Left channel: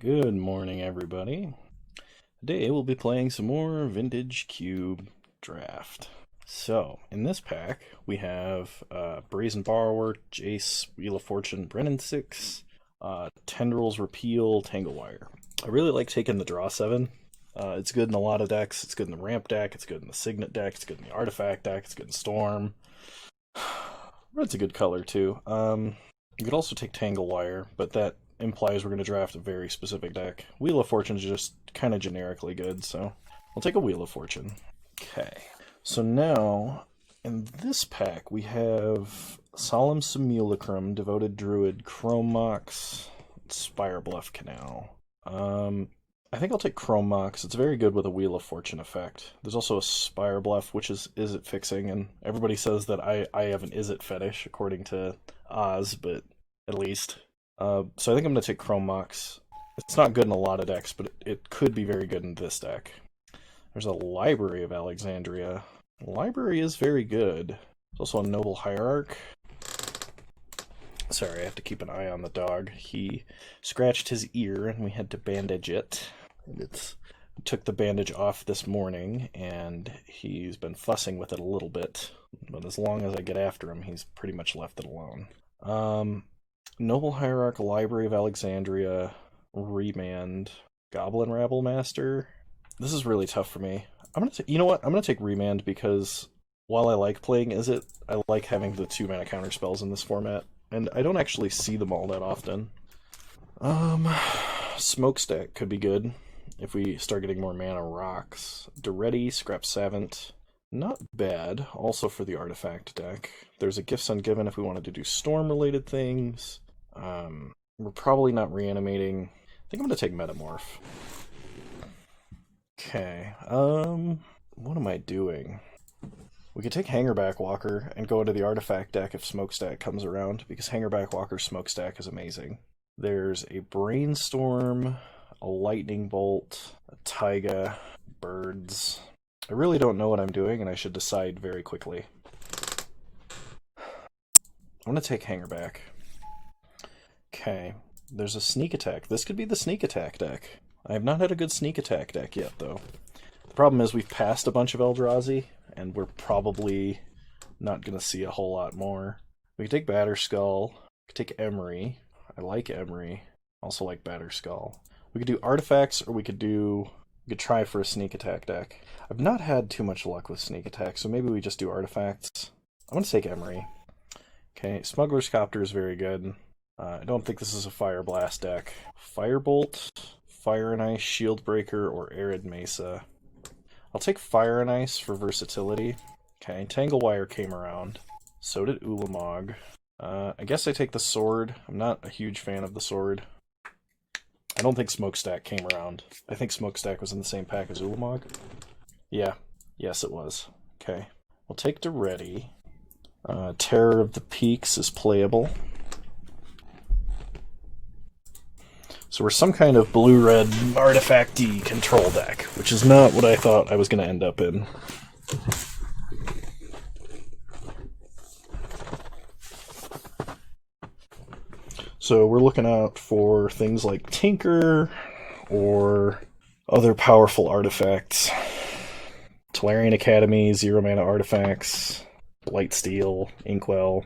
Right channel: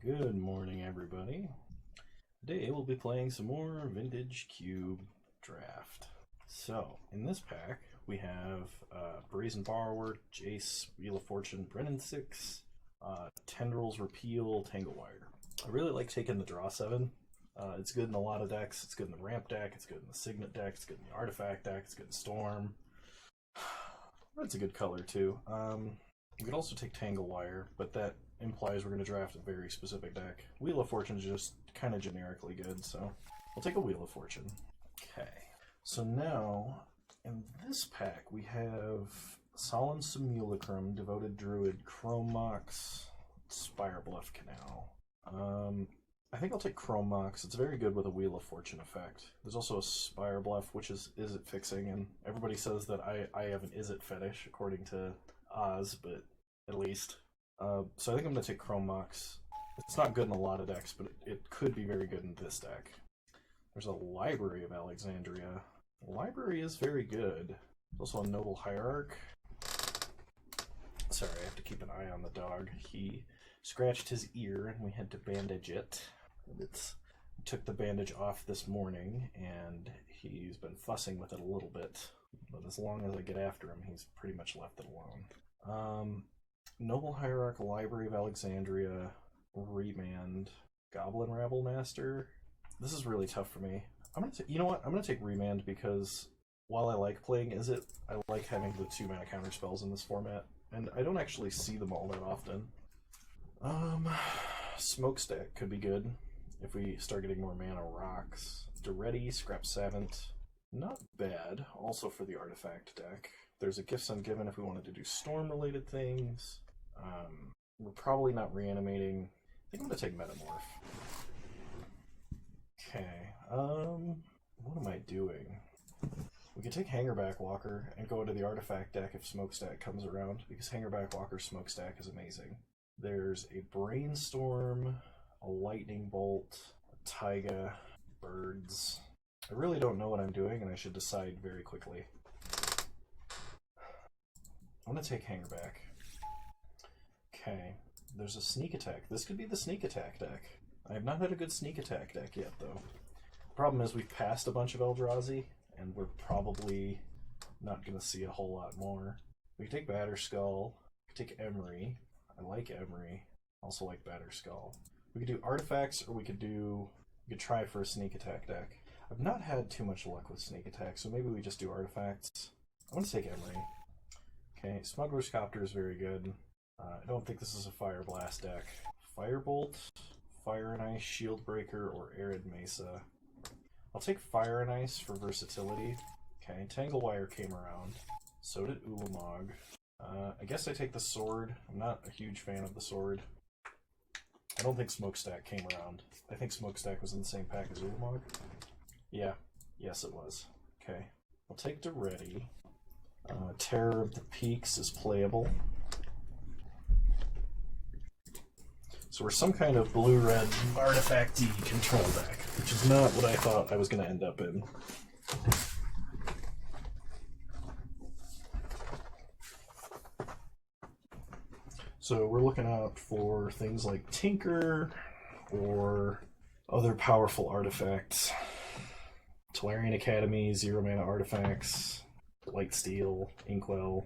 Good morning, everybody. Today we'll be playing some more Vintage Cube Draft. So, in this pack, we have Brazen Borrower, Jace, Wheel of Fortune, Brennan 6, Tendrils, Repeal, Tanglewire. I really like taking the Draw 7. It's good in a lot of decks. It's good in the Ramp deck, it's good in the Signet deck, it's good in the Artifact deck, it's good in Storm. Red's a good color, too. You could also take Tanglewire, but that implies we're going to draft a very specific deck. Wheel of Fortune is just kind of generically good, so we'll take a Wheel of Fortune. Okay, so now in this pack we have Solemn Simulacrum, Devoted Druid, Chrome Mox, Spire Bluff Canal. I think I'll take Chrome Mox. It's very good with a Wheel of Fortune effect. There's also a Spire Bluff, which is it fixing, and everybody says that I have an is it fetish, according to Oz, but at least. So I think I'm going to take Chrome Mox. It's not good in a lot of decks, but it could be very good in this deck. There's a Library of Alexandria. Library is very good. There's also a Noble Hierarch. Sorry, I have to keep an eye on the dog. He scratched his ear and we had to bandage it. We took the bandage off this morning and he's been fussing with it a little bit. But as long as I get after him, he's pretty much left it alone. Noble Hierarch, Library of Alexandria, Remand, Goblin Rabble Master. This is really tough for me. You know what? I'm gonna take Remand because while I like playing Is It, I like having the 2-mana counter spells in this format, and I don't actually see them all that often. Smokestack could be good if we start getting more mana rocks. Duretti, Scrap Savant, not bad. Also for the Artifact deck. There's a Gifts Ungiven if we wanted to do storm-related things. We're probably not reanimating. I think I'm gonna take Metamorph. Okay, what am I doing? We could take Hangerback Walker and go into the Artifact deck if Smokestack comes around, because Hangerback Walker's Smokestack is amazing. There's a Brainstorm, a Lightning Bolt, a Taiga, birds. I really don't know what I'm doing, and I should decide very quickly. I'm gonna take Hangerback. Okay, there's a Sneak Attack. This could be the Sneak Attack deck. I have not had a good Sneak Attack deck yet, though. The problem is we've passed a bunch of Eldrazi, and we're probably not going to see a whole lot more. We could take Batterskull. We could take Emery. I like Emery. Also like Batterskull. We could do Artifacts, or we could try for a Sneak Attack deck. I've not had too much luck with Sneak Attack, so maybe we just do Artifacts. I'm going to take Emery. Okay, Smuggler's Copter is very good. I don't think this is a Fire Blast deck. Firebolt, Fire and Ice, Shield Breaker, or Arid Mesa. I'll take Fire and Ice for versatility. Okay, Tanglewire came around. So did Ulamog. I guess I take the Sword. I'm not a huge fan of the Sword. I don't think Smokestack came around. I think Smokestack was in the same pack as Ulamog. Yeah, yes it was. Okay, we'll take Duretti. Terror of the Peaks is playable. So we're some kind of blue-red artifact-y control deck, which is not what I thought I was going to end up in. So we're looking out for things like Tinker or other powerful artifacts. Tolarian Academy, 0-mana artifacts, Blightsteel, Inkwell.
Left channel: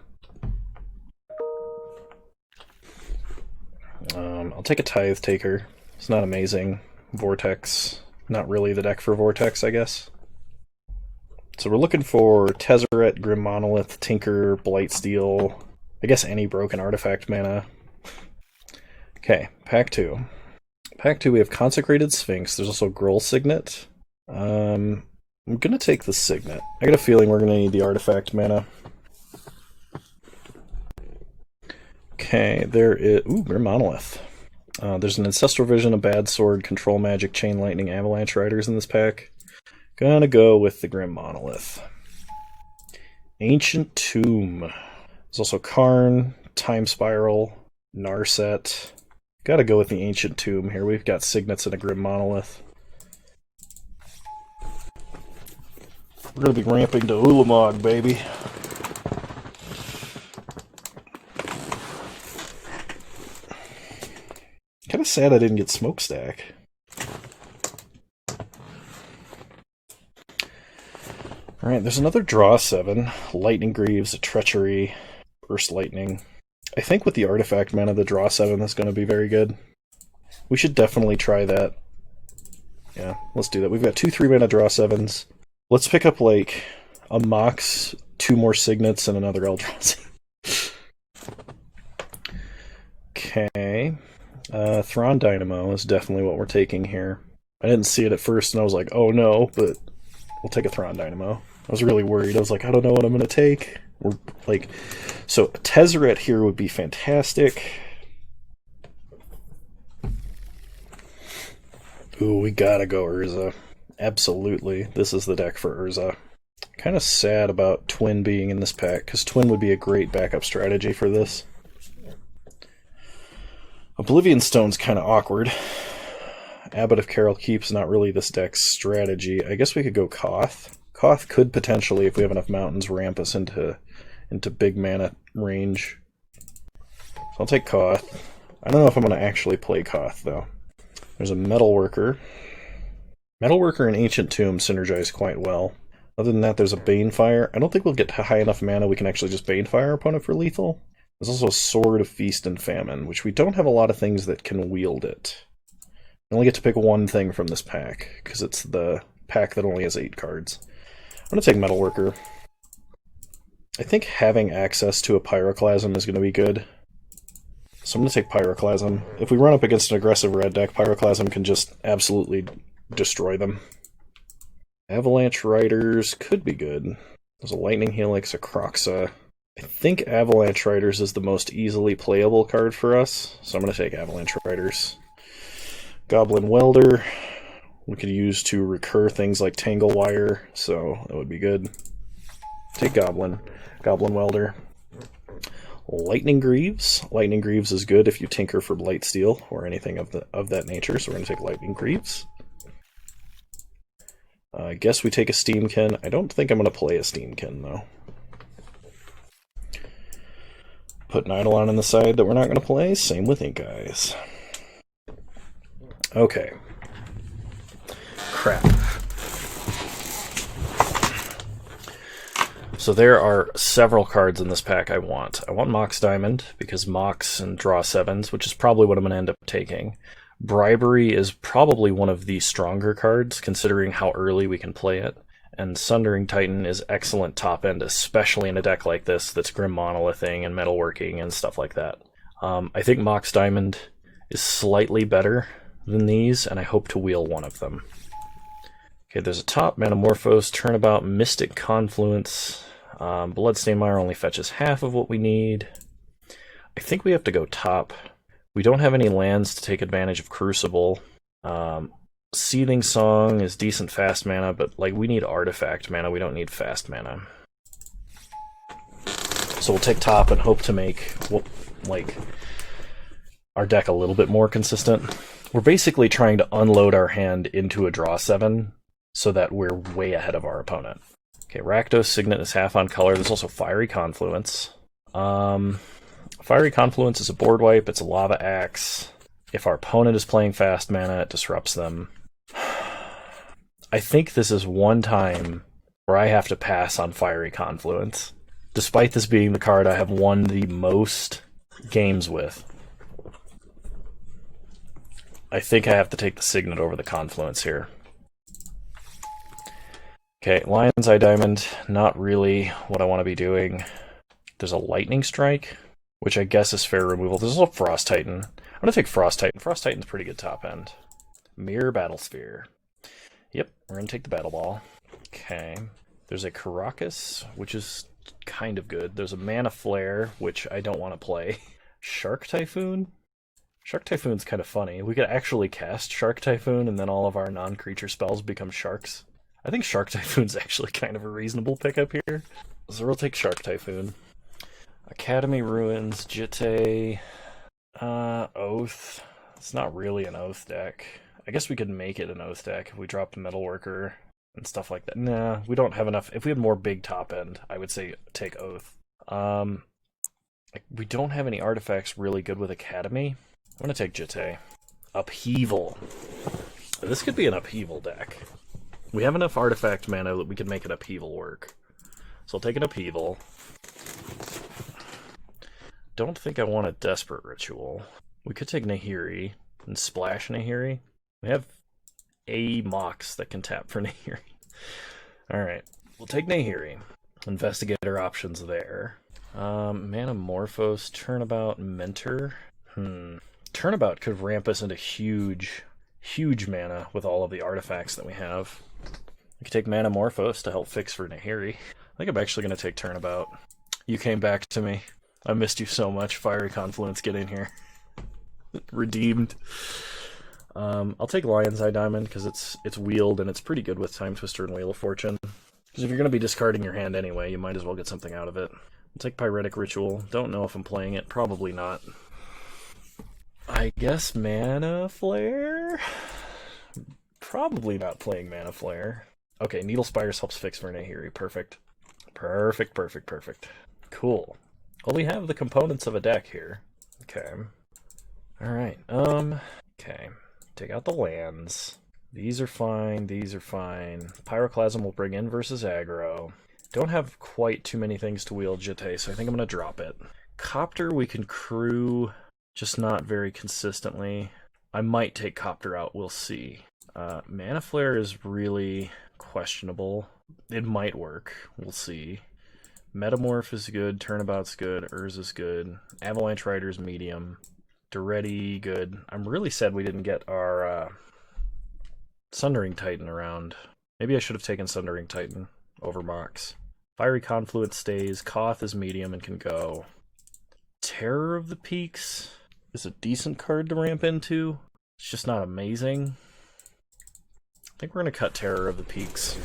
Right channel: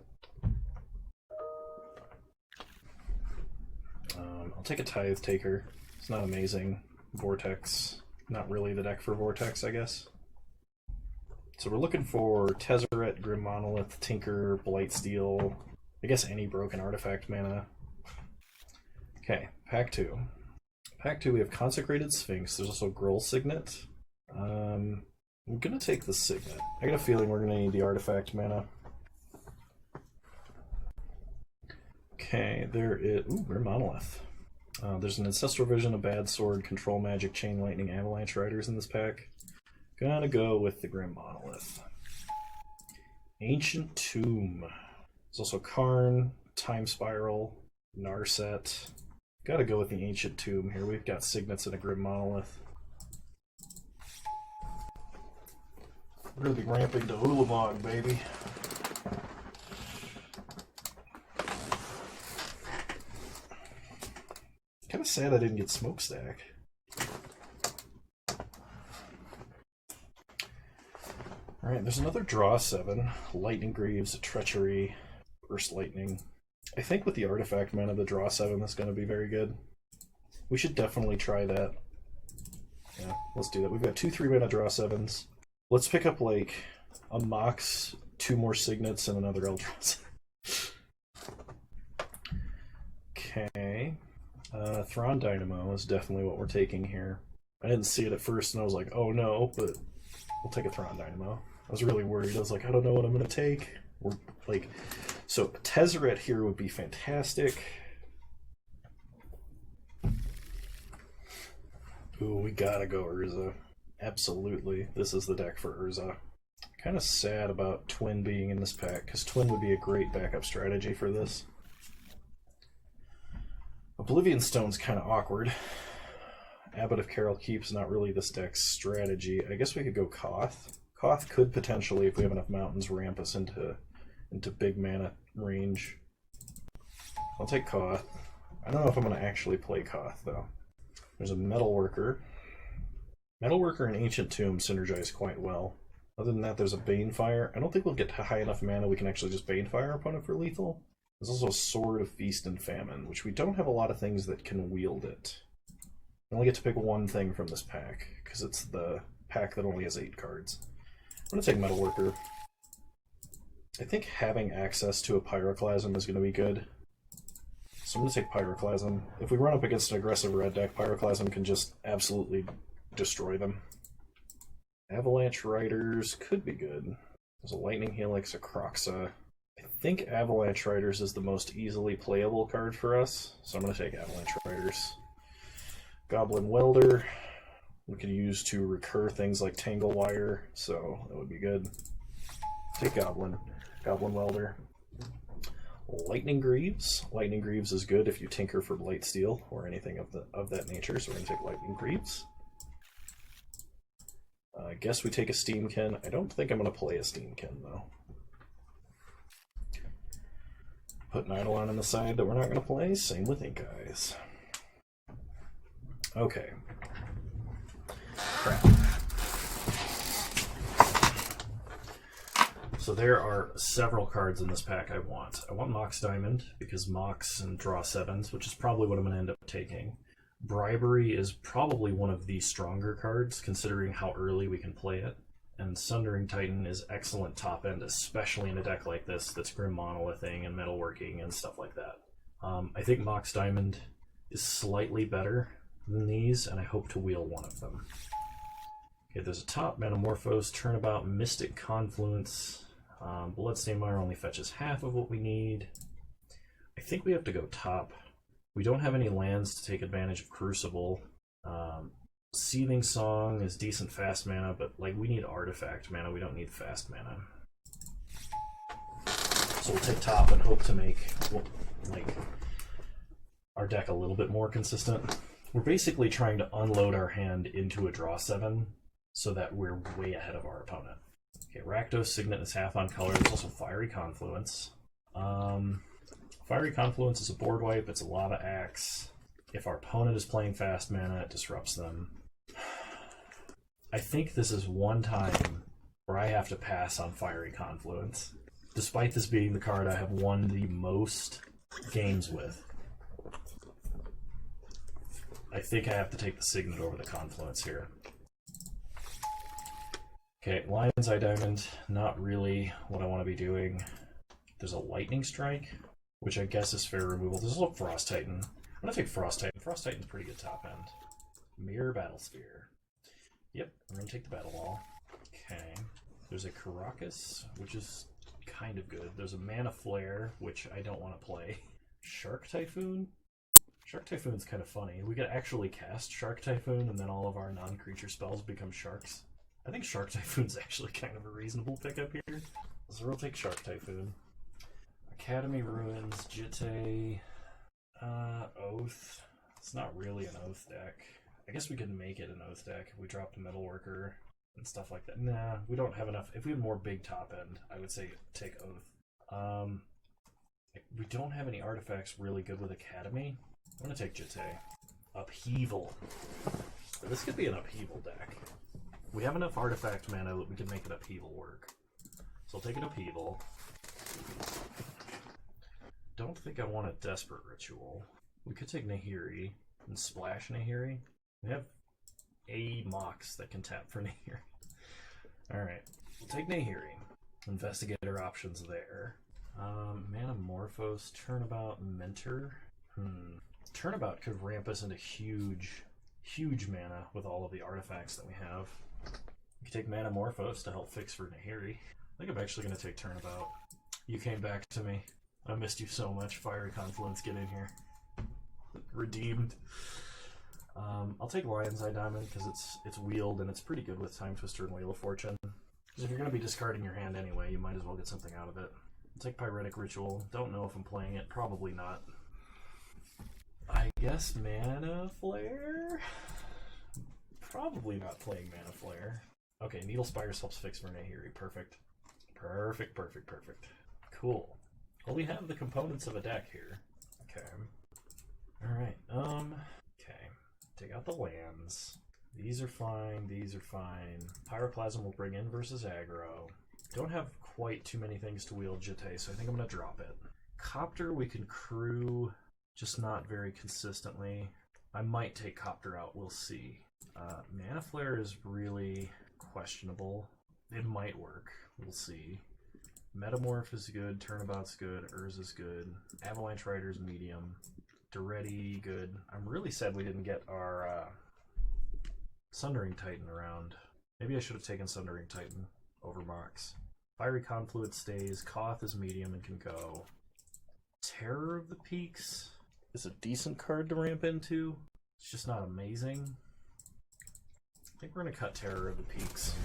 I'll take a Tithe Taker. It's not amazing. Vortex. Not really the deck for Vortex, I guess. So we're looking for Tezzeret, Grim Monolith, Tinker, Blightsteel. I guess any broken artifact mana. Okay, Pack 2. Pack 2 we have Consecrated Sphinx. There's also Gruul Signet. I'm gonna take the Signet. I got a feeling we're gonna need the artifact mana. Okay, there is... Ooh, Grim Monolith. There's an Ancestral Vision, a Bad Sword, Control Magic, Chain Lightning, Avalanche Riders in this pack. Gonna go with the Grim Monolith. Ancient Tomb. There's also Karn, Time Spiral, Narset. Gotta go with the Ancient Tomb here. We've got Signets and a Grim Monolith. We're gonna be ramping to Ulamog, baby. Kind of sad I didn't get Smokestack. Alright, there's another draw 7. Lightning Greaves, a Treachery, Burst Lightning. I think with the artifact mana, the draw 7 is going to be very good. We should definitely try that. Yeah, let's do that. We've got 2 3-mana draw 7s. Let's pick up, like, a Mox, 2 more Signets, and another Eldrazi. Okay. Thrawn Dynamo is definitely what we're taking here. I didn't see it at first, and I was like, oh no, but we'll take a Thrawn Dynamo. I was really worried. I was like, I don't know what I'm going to take. We're like, so a Tezzeret here would be fantastic. Ooh, we gotta go Urza. Absolutely. This is the deck for Urza. Kind of sad about Twin being in this pack, because Twin would be a great backup strategy for this. Oblivion Stone's kind of awkward. Abbot of Carol Keep's not really this deck's strategy. I guess we could go Koth. Koth could potentially, if we have enough mountains, ramp us into big mana range. So I'll take Koth. I don't know if I'm going to actually play Koth, though. There's a Metalworker. Metalworker and Ancient Tomb synergize quite well. Other than that, there's a Banefire. I don't think we'll get to high enough mana we can actually just Banefire our opponent for lethal. There's also a Sword of Feast and Famine, which we don't have a lot of things that can wield it. I only get to pick one thing from this pack, because it's the pack that only has 8 cards. I'm going to take Metalworker. I think having access to a Pyroclasm is going to be good. So I'm going to take Pyroclasm. If we run up against an aggressive red deck, Pyroclasm can just absolutely destroy them. Avalanche Riders could be good. There's a Lightning Helix, a Croxa. I think Avalanche Riders is the most easily playable card for us, so I'm going to take Avalanche Riders. Goblin Welder we could use to recur things like Tangle Wire, so that would be good. Take Goblin. Goblin Welder. Lightning Greaves. Lightning Greaves is good if you tinker for Blightsteel or anything of that nature, so we're going to take Lightning Greaves. I guess we take a Steamkin. I don't think I'm going to play a Steamkin, though. Put an Eidolon on the side that we're not going to play. Same with Ink Eyes. Okay. Crap. So there are several cards in this pack I want. I want Mox Diamond, because Mox and draw 7s, which is probably what I'm going to end up taking. Bribery is probably one of the stronger cards, considering how early we can play it. And Sundering Titan is excellent top end, especially in a deck like this that's Grim Monolithing and Metalworking and stuff like that. I think Mox Diamond is slightly better than these, and I hope to wheel one of them. Okay, there's a top, Manamorphose, Turnabout, Mystic Confluence. Bloodstained Mire only fetches half of what we need. I think we have to go top. We don't have any lands to take advantage of Crucible. Seething Song is decent fast mana, but like we need artifact mana, we don't need fast mana. So we'll take top and hope to make like our deck a little bit more consistent. We're basically trying to unload our hand into a draw 7 so that we're way ahead of our opponent. Okay, Rakdos Signet is half on color. There's also Fiery Confluence. Fiery Confluence is a board wipe. It's a Lava Axe. If our opponent is playing fast mana, it disrupts them. I think this is one time where I have to pass on Fiery Confluence. Despite this being the card I have won the most games with, I think I have to take the Signet over the Confluence here. Okay, Lion's Eye Diamond, not really what I want to be doing. There's a Lightning Strike, which I guess is fair removal. There's also Frost Titan. I'm going to take Frost Titan. Frost Titan's pretty good top end. Mirror Battlesphere. Yep, we're going to take the Battle Ball. Okay. There's a Caracas, which is kind of good. There's a Mana Flare, which I don't want to play. Shark Typhoon? Shark Typhoon's kind of funny. We could actually cast Shark Typhoon, and then all of our non-creature spells become sharks. I think Shark Typhoon's actually kind of a reasonable pickup here. So we'll take Shark Typhoon. Academy Ruins, Jitte, Oath. It's not really an Oath deck. I guess we could make it an Oath deck if we dropped Metalworker and stuff like that. Nah, we don't have enough. If we had more big top end, I would say take Oath. We don't have any artifacts really good with Academy. I'm going to take Jitte. Upheaval. This could be an upheaval deck. We have enough artifact mana that we can make an upheaval work. So I'll take an upheaval. Don't think I want a desperate ritual. We could take Nahiri and splash Nahiri. We have a Mox that can tap for Nahiri. Alright, we'll take Nahiri. Investigate our options there. Manamorphose, Turnabout, Mentor. Turnabout could ramp us into huge mana with all of the artifacts that we have. We could take Manamorphose to help fix for Nahiri. I think I'm actually going to take Turnabout. You came back to me. I missed you so much. Fiery Confluence, get in here. Redeemed. I'll take Lion's Eye Diamond because it's wheeled and it's pretty good with Time Twister and Wheel of Fortune. Because if you're going to be discarding your hand anyway, you might as well get something out of it. I'll take Pyretic Ritual. Don't know if I'm playing it. Probably not. I guess Mana Flare? Probably not playing Mana Flare. Okay, Needle Spires helps fix for Nahiri. Perfect. Perfect. Cool. Well, we have the components of a deck here. Okay. Alright, okay. Take out the lands. These are fine, these are fine. Pyroclasm will bring in versus aggro. Don't have quite too many things to wield Jete, so I think I'm going to drop it. Copter we can crew, just not very consistently. I might take Copter out, we'll see. Mana Flare is really questionable. It might work, we'll see. Metamorph is good, Turnabout's good, Urza's good, Avalanche Rider's medium, Duretti good. I'm really sad we didn't get our Sundering Titan around. Maybe I should have taken Sundering Titan over Mox. Fiery Confluence stays, Koth is medium and can go. Terror of the Peaks is a decent card to ramp into. It's just not amazing. I think we're going to cut Terror of the Peaks.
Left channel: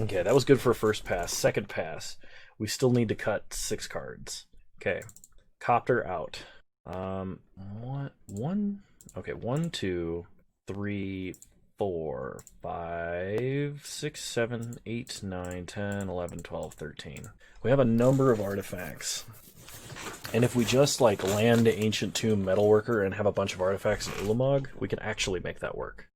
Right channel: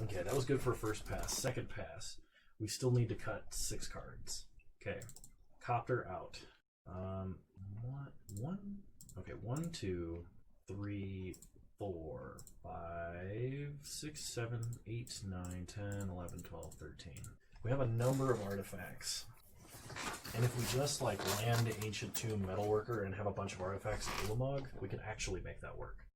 Okay, that was good for a first pass. Second pass, we still need to cut 6 cards. Okay, Copter out. Okay, 1, 2, 3, 4, 5, 6, 7, 8, 9, 10, 11, 12, 13. We have a number of artifacts. And if we just like land Ancient Tomb Metalworker and have a bunch of artifacts in Ulamog, we can actually make that work.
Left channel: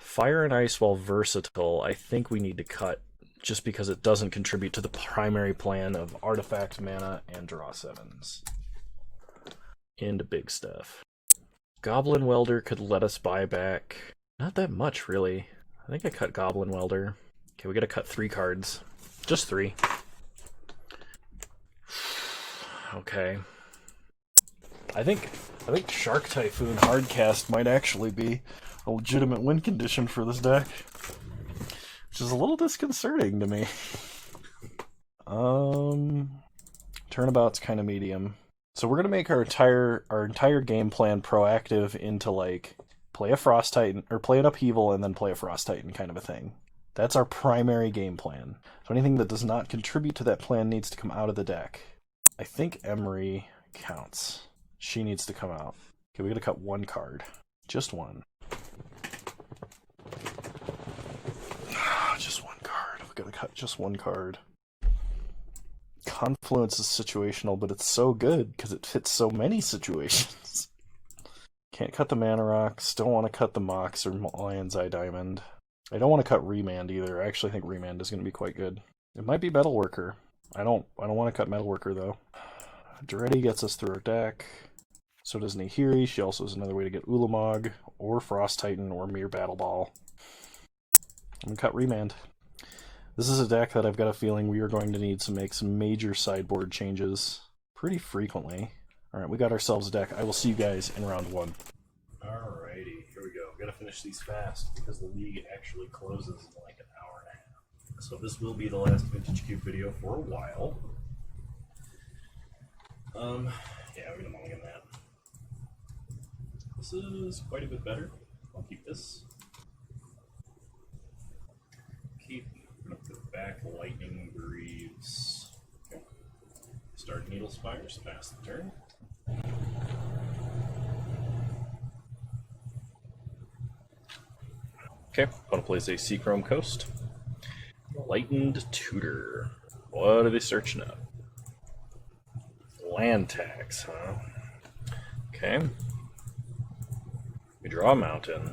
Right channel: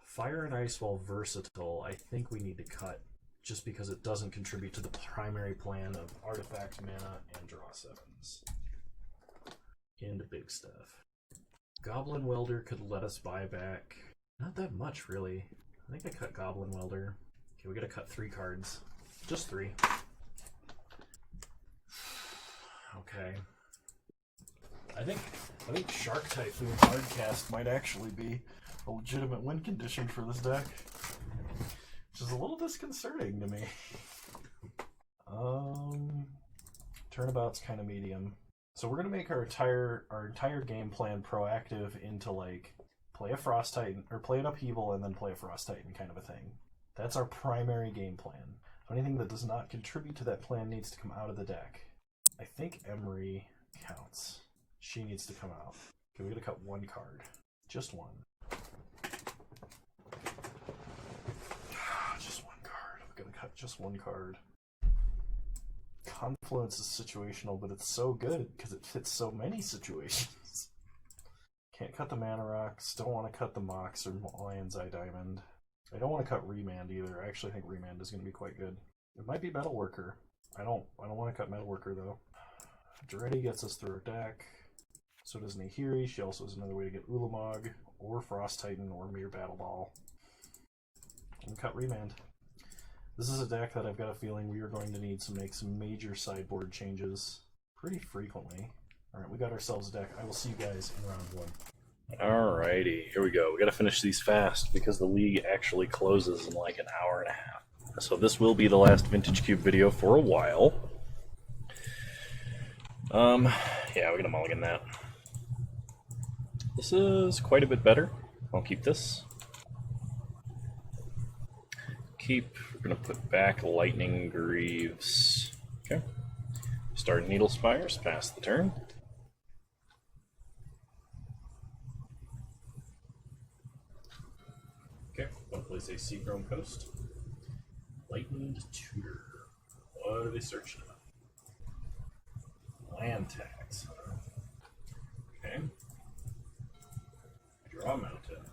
Fire and Ice, while versatile, I think we need to cut just because it doesn't contribute to the primary plan of artifact mana and draw 7s. Into big stuff. Goblin Welder could let us buy back not that much, really. I think I cut Goblin Welder. Okay, we gotta cut 3 cards. Just 3. Okay. I think Shark Typhoon Hardcast might actually be a legitimate win condition for this deck, which is a little disconcerting to me. Turnabout's kind of medium, so we're gonna make our entire game plan proactive into like play a Frost Titan or play an Upheaval and then play a Frost Titan kind of a thing. That's our primary game plan. So anything that does not contribute to that plan needs to come out of the deck. I think Emery counts. She needs to come out. Okay, we gotta cut 1 card, just 1. Just 1 card. We've got to cut just 1 card. Confluence is situational, but it's so good because it fits so many situations. Can't cut the Mana Rocks. Don't want to cut the Mox or Lion's Eye Diamond. I don't want to cut Remand either. I actually think Remand is going to be quite good. It might be Metalworker. I don't want to cut Metalworker though. Duretti gets us through our deck. So does Nahiri. She also is another way to get Ulamog or Frost Titan or Mere Battle Ball. I'm going to cut Remand. This is a deck that I've got a feeling we are going to need to make some major sideboard changes pretty frequently. Alright, we got ourselves a deck. I will see you guys in round 1. Alrighty, here we go. We gotta finish these fast because the league actually closes in like an hour and a half. So this will be the last Vintage Cube video for a while. Yeah, we're gonna mulligan that. This is quite a bit better. I'll keep this. We're gonna put back Lightning Greaves. Okay. Start Needle Spires, pass the turn. Okay, opponent plays a Seachrome Coast. Lightened Tutor. What are they searching up? Land tax, huh? Okay. Draw a mountain.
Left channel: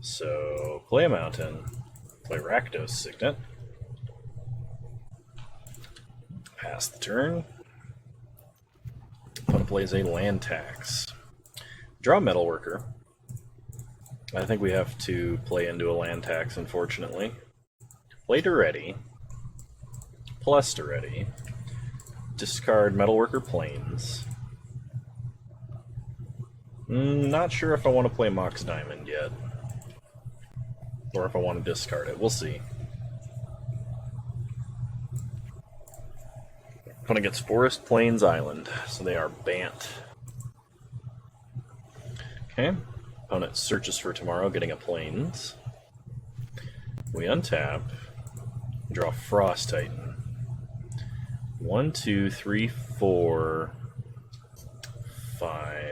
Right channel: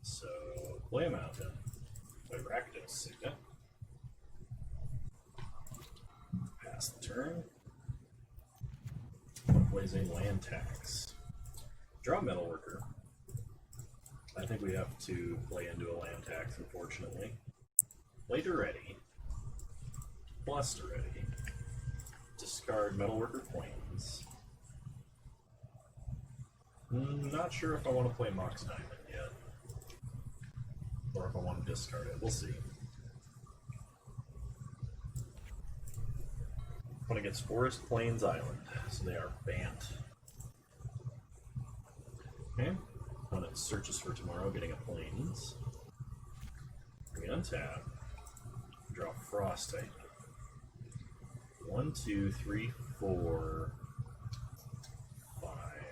So play a mountain. Play Rakdos Signet. Pass the turn. Opponent plays a land tax. Draw Metalworker. I think we have to play into a land tax, unfortunately. Play Duretti. Plus Duretti. Discard Metalworker Plains. Not sure if I want to play Mox Diamond yet. Or if I want to discard it. We'll see. Opponent gets Forest Plains Island, so they are Bant. Okay. Opponent searches for tomorrow, getting a Plains. We untap. Draw Frost Titan. 1, 2, 3, 4, 5.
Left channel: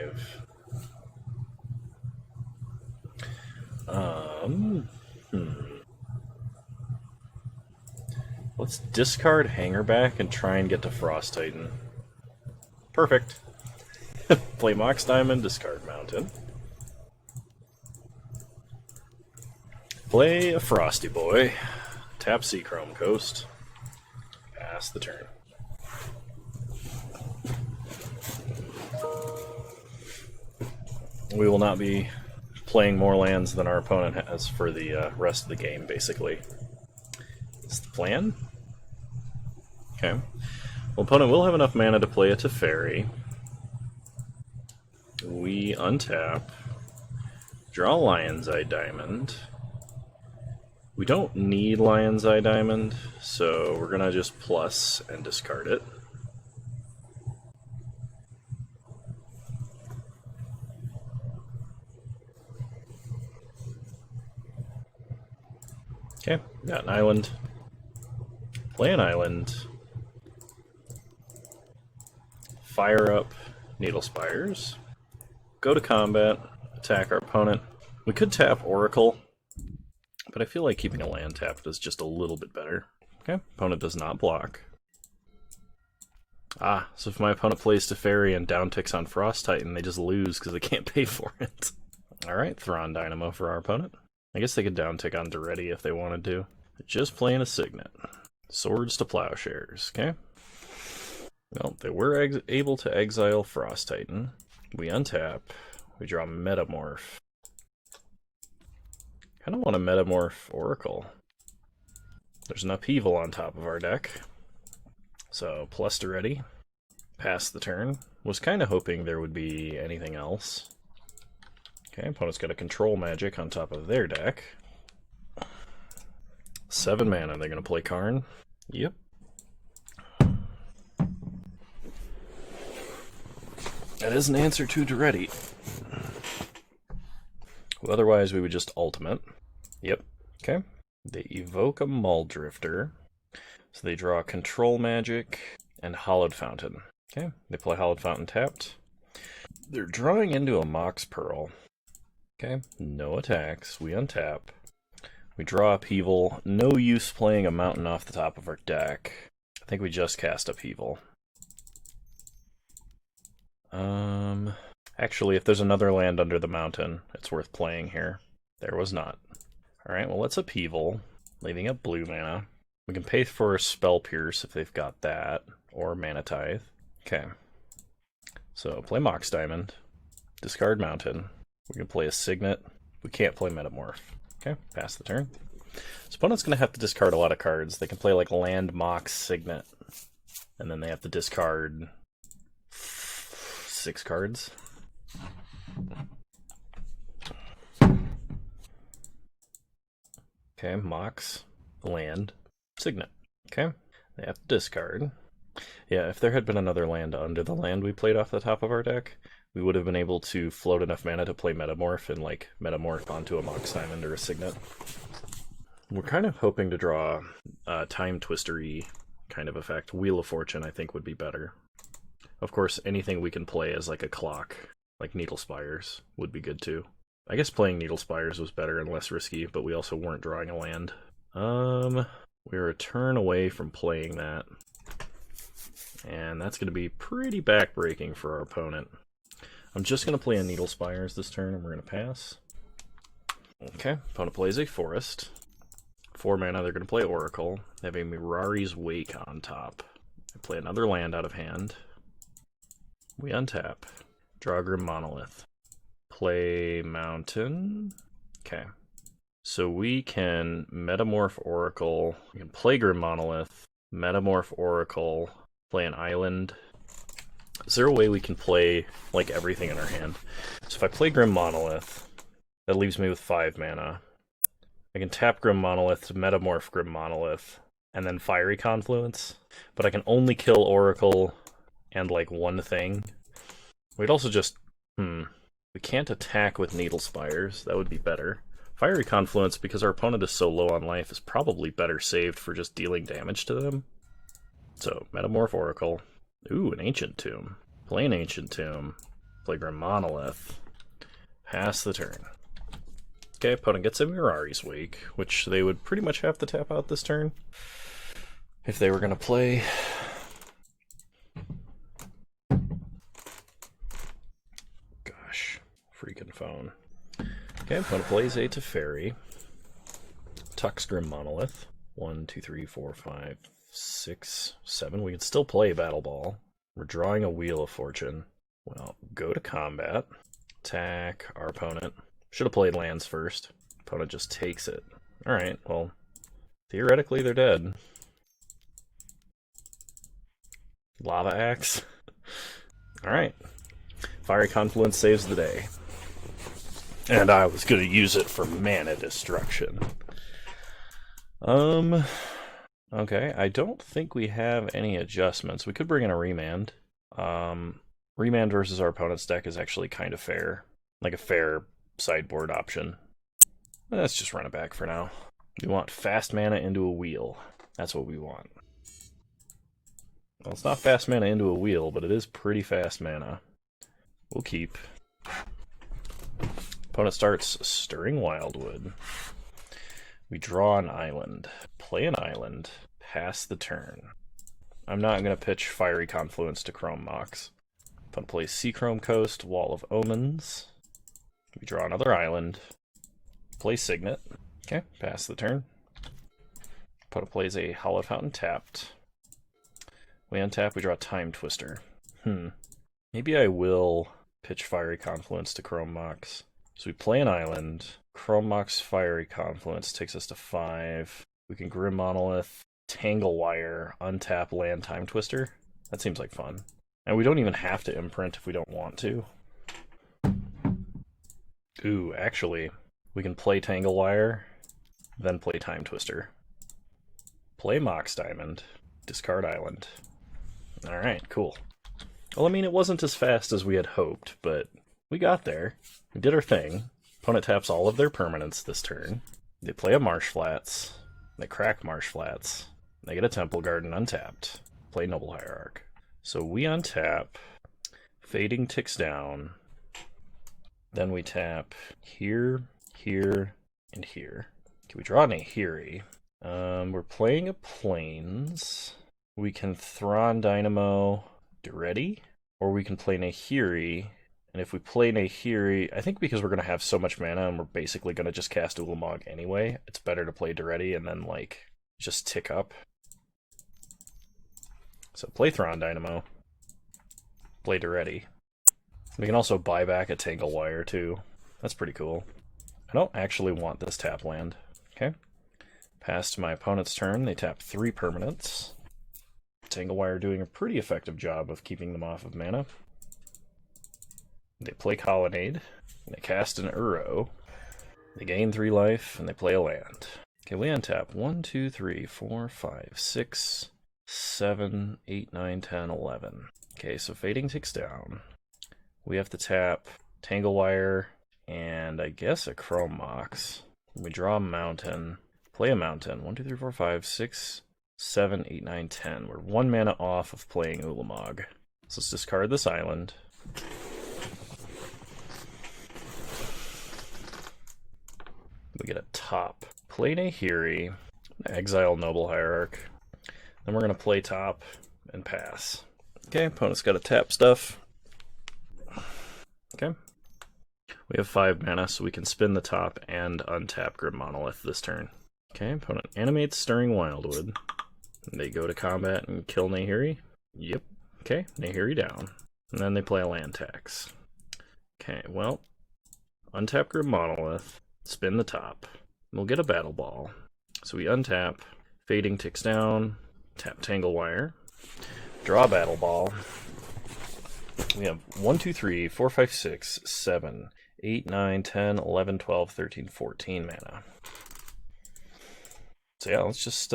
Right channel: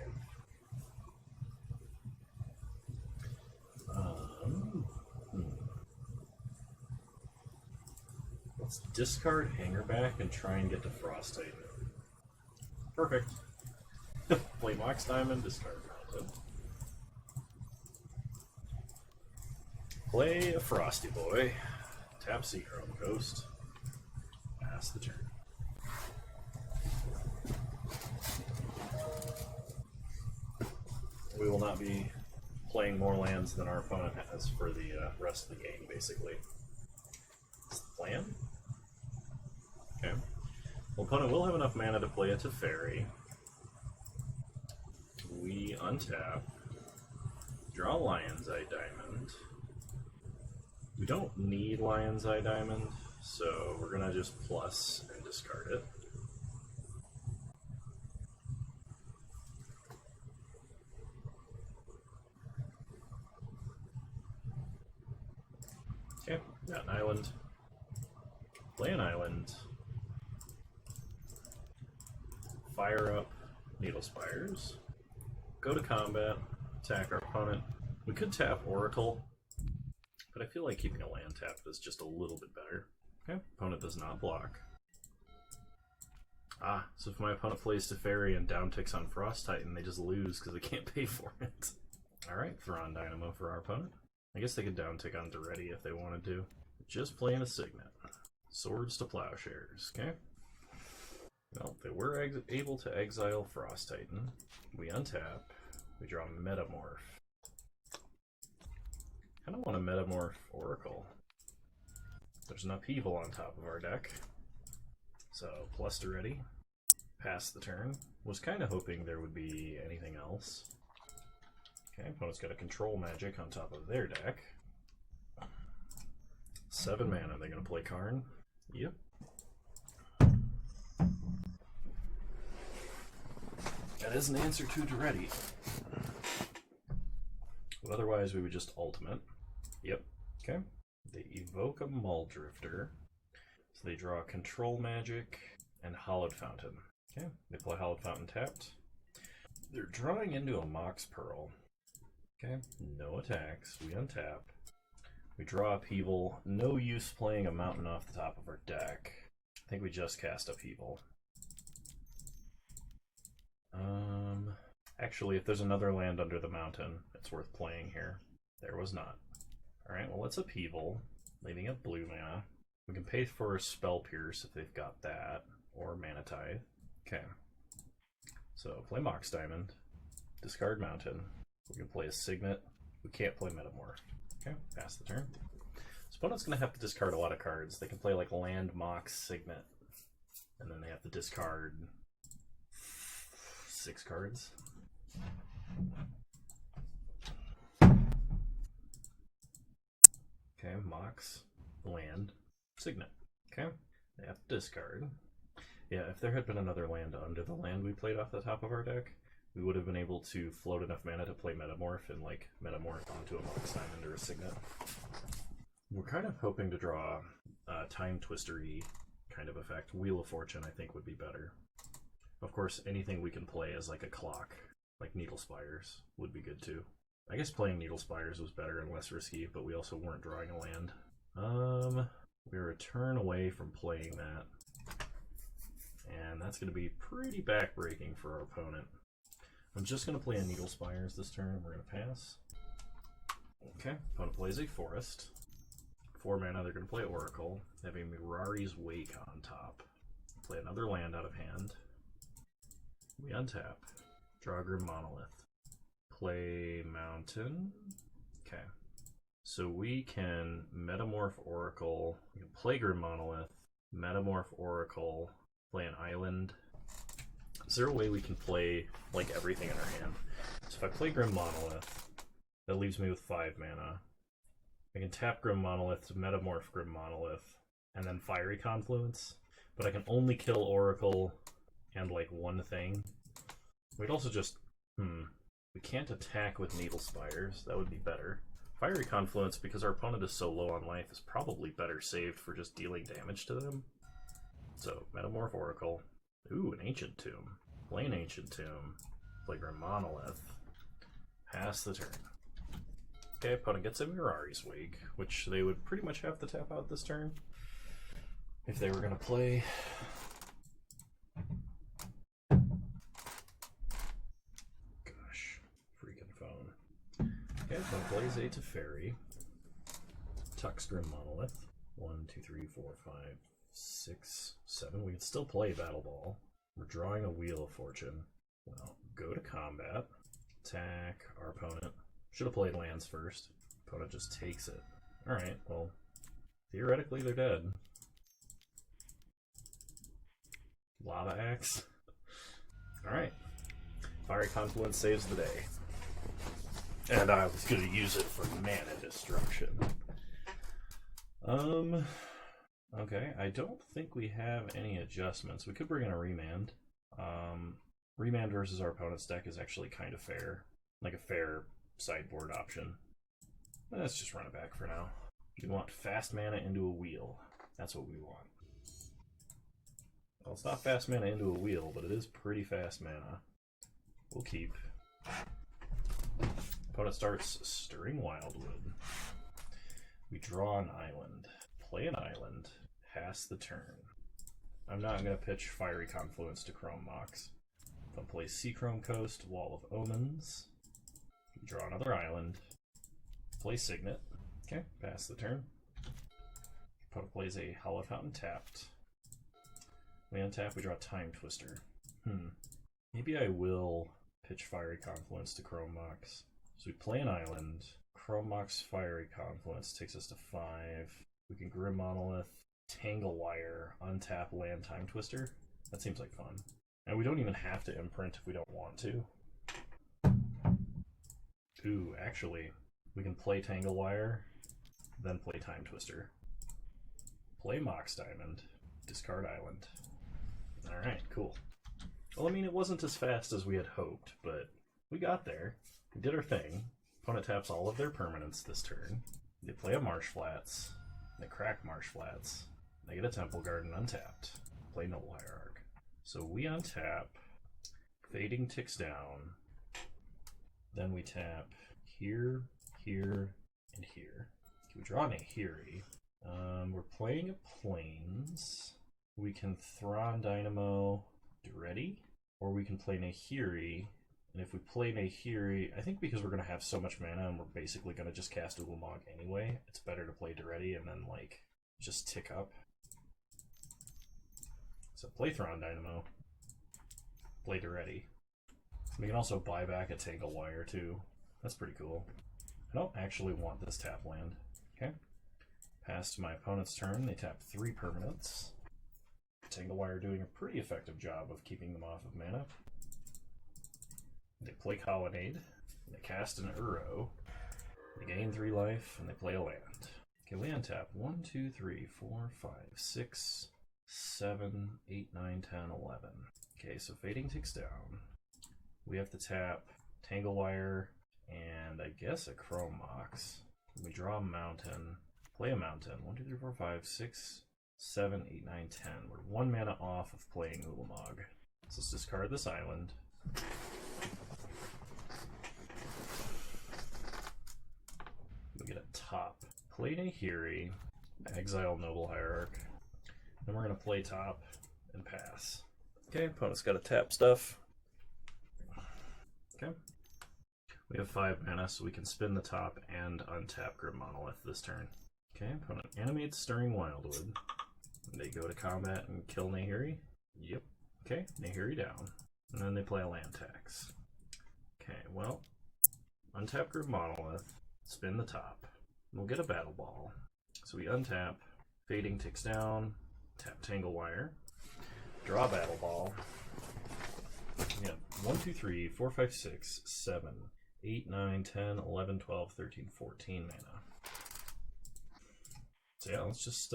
Let's discard Hangerback and try and get to Frost Titan. Perfect. Play Mox Diamond, discard Mountain. Play a Frosty Boy. Tap Seachrome Coast. Pass the turn. We will not be playing more lands than our opponent has for the rest of the game, basically. That's the plan. Okay. Well, opponent will have enough mana to play a Teferi. We untap. Draw Lion's Eye Diamond. We don't need Lion's Eye Diamond, so we're gonna just plus and discard it. Okay, got an island. Play an island. Fire up Needle Spires. Go to combat. Attack our opponent. We could tap Oracle, but I feel like keeping a land tapped is just a little bit better. Okay, opponent does not block. Ah, so if my opponent plays Teferi and downticks on Frost Titan, they just lose because they can't pay for it. Alright, Thrawn Dynamo for our opponent. I guess they could downtick on Duretti if they wanted to. Just playing a Signet. Swords to Plowshares, okay? Well, they were able to exile Frost Titan. We untap. We draw Metamorph. Kind of want to Metamorph Oracle. There's an Upheaval on top of our deck. So, plus Duretti. Pass the turn. Was kind of hoping there would be anything else. Okay, opponent's got a Control Magic on top of their deck. 7 mana, they're going to play Karn. Yep. That is an answer to Duretti. Well, otherwise, we would just ultimate. Yep. Okay. They evoke a Muldrifter. So they draw Control Magic and Hallowed Fountain. Okay. They play Hallowed Fountain tapped. They're drawing into a Mox Pearl. Okay. No attacks. We untap. We draw Upheaval. No use playing a mountain off the top of our deck. I think we just cast Upheaval. Actually, if there's another land under the mountain, it's worth playing here. There was not. Alright, well, let's Upheaval, leaving up blue mana. We can pay for Spell Pierce if they've got that, or Mana Tithe. Okay. So, play Mox Diamond, discard Mountain. We can play a Signet. We can't play Metamorph. Okay, pass the turn. So, opponent's going to have to discard a lot of cards. They can play, like, Land, Mox, Signet, and then they have to discard 6 cards. Okay, Mox, land, Signet. Okay, they have to discard. Yeah, if there had been another land under the land we played off the top of our deck, we would have been able to float enough mana to play Metamorph and, like, Metamorph onto a Mox Diamond or a Signet. We're kind of hoping to draw a Time Twister-y kind of effect. Wheel of Fortune, I think, would be better. Of course, anything we can play as, like, a clock, like Needle Spires, would be good, too. I guess playing Needle Spires was better and less risky, but we also weren't drawing a land. We were a turn away from playing that. And that's going to be pretty backbreaking for our opponent. I'm just going to play a Needle Spires this turn, and we're going to pass. Okay, opponent plays a forest. 4 mana, they're going to play Oracle. They have a Mirari's Wake on top. They play another land out of hand. We untap. Draw Grim Monolith. Play Mountain. Okay. So we can Metamorph Oracle. We can play Grim Monolith. Metamorph Oracle. Play an island. Is there a way we can play like everything in our hand? So if I play Grim Monolith, that leaves me with 5 mana. I can tap Grim Monolith to Metamorph Grim Monolith, and then Fiery Confluence. But I can only kill Oracle and like one thing. We'd also just... We can't attack with Needle Spires. That would be better. Fiery Confluence, because our opponent is so low on life, is probably better saved for just dealing damage to them. So, Metamorph Oracle. Ooh, an Ancient Tomb. Play an Ancient Tomb. Play Grim Monolith. Pass the turn. Okay, opponent gets a Mirari's Wake, which they would pretty much have to tap out this turn if they were going to play. Gosh, freaking phone. Okay, opponent plays a Teferi. Tucks Grim Monolith. 1, 2, 3, 4, 5, 6, 7. We can still play Battle Ball. We're drawing a Wheel of Fortune. Well, go to combat. Attack our opponent. Should have played lands first. Opponent just takes it. Alright, well, theoretically they're dead. Lava Axe. Alright. Fiery Confluence saves the day. And I was going to use it for mana destruction. Okay, I don't think we have any adjustments. We could bring in a Remand. Remand versus our opponent's deck is actually kind of fair. Like a fair sideboard option. Let's just run it back for now. We want fast mana into a wheel. That's what we want. Well, it's not fast mana into a wheel, but it is pretty fast mana. We'll keep. Opponent starts Stirring Wildwood. We draw an island. Play an island. Pass the turn. I'm not going to pitch Fiery Confluence to Chrome Mox. Opponent plays Seachrome Coast, Wall of Omens. We draw another island. Play Signet. Okay, pass the turn. Opponent plays a Hallowed Fountain tapped. We untap, we draw Time Twister. Maybe I will pitch Fiery Confluence to Chrome Mox. So we play an island. Chrome Mox Fiery Confluence takes us to 5. We can Grim Monolith, Tangle Wire, untap land Time Twister. That seems like fun. And we don't even have to imprint if we don't want to. Ooh, actually, we can play Tangle Wire, then play Time Twister. Play Mox Diamond, discard Island. Alright, cool. Well, I mean, it wasn't as fast as we had hoped, but we got there. We did our thing. Opponent taps all of their permanents this turn. They play a Marsh Flats. They crack Marsh Flats. They get a Temple Garden untapped. Play Noble Hierarch. So we untap. Fading ticks down. Then we tap here, here, and here. Can we draw an Ahiri? We're playing a Plains. We can Thrawn Dynamo Duretti, or we can play Nahiri. And if we play Nahiri, I think because we're going to have so much mana and we're basically going to just cast Ulamog anyway, it's better to play Duretti and then, like, just tick up. So play Thrawn Dynamo. Play Duretti. We can also buy back a Tangle Wire, too. That's pretty cool. I don't actually want this tap land. Okay. Past my opponent's turn, they tap 3 permanents. Tangle Wire doing a pretty effective job of keeping them off of mana. They play Colonnade. They cast an Uro. They gain 3 life, and they play a land. Okay, we untap 1, 2, 3, 4, 5, 6, 7, 8, 9, 10, 11. Okay, so Fading ticks down. We have to tap Tangle Wire and I guess a Chrome Mox. We draw a mountain. Play a mountain. 1, 2, 3, 4, 5, 6, 7, 8, 9, 10. We're 1 mana off of playing Ulamog. So let's discard this island. We get a top. Play Nahiri. Exile Noble Hierarch. Then we're going to play top and pass. Okay, opponent's got to tap stuff. Okay. We have 5 mana, so we can spin the top and untap Grim Monolith this turn. Okay, opponent animates Stirring Wildwood. They go to combat and kill Nahiri. Yep. Okay, Nahiri down. And then they play a land tax. Okay, well, untap Grim Monolith, spin the top. We'll get a Battle Ball. So we untap, Fading ticks down, tap Tangle Wire, draw Battle Ball. We have 1, 2, 3, 4, 5, 6, 7, 8, 9, 10, 11, 12, 13, 14 mana. So yeah, let's just,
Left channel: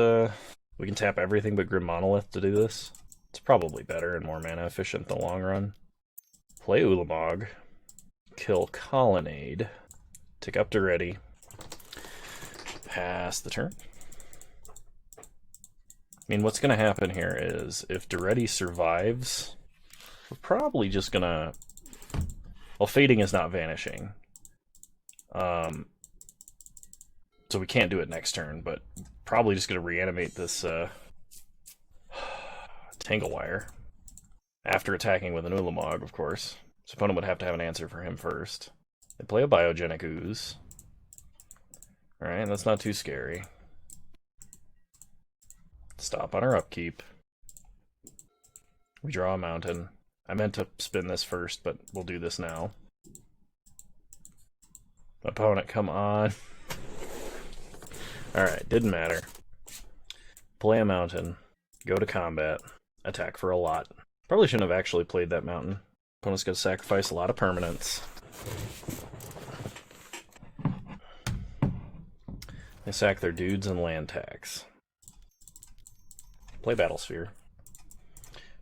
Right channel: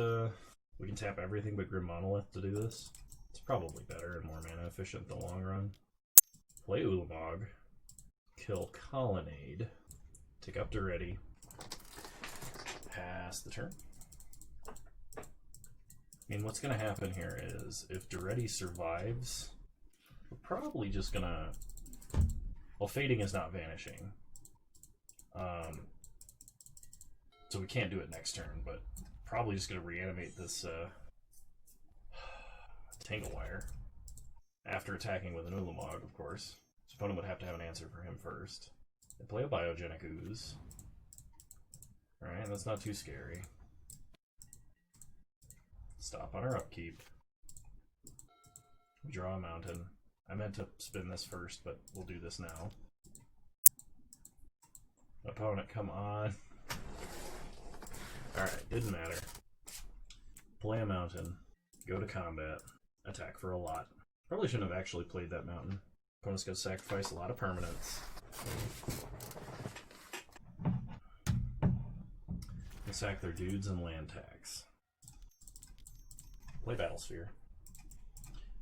we can tap everything but Grim Monolith to do this. It's probably better and more mana efficient in the long run. Play Ulamog, kill Colonnade, tick up to ready, pass the turn. I mean, what's going to happen here is if Duretti survives, we're probably just going to... Well, Fading is not vanishing. So we can't do it next turn, but probably just going to reanimate this Tangle Wire after attacking with an Ulamog, of course. So opponent would have to have an answer for him first. They play a Biogenic Ooze. Alright, that's not too scary. Stop on our upkeep. We draw a mountain. I meant to spin this first, but we'll do this now. Opponent, come on. Alright, didn't matter. Play a mountain. Go to combat. Attack for a lot. Probably shouldn't have actually played that mountain. Opponent's going to sacrifice a lot of permanents. They sack their dudes and land tax. Play Battlesphere.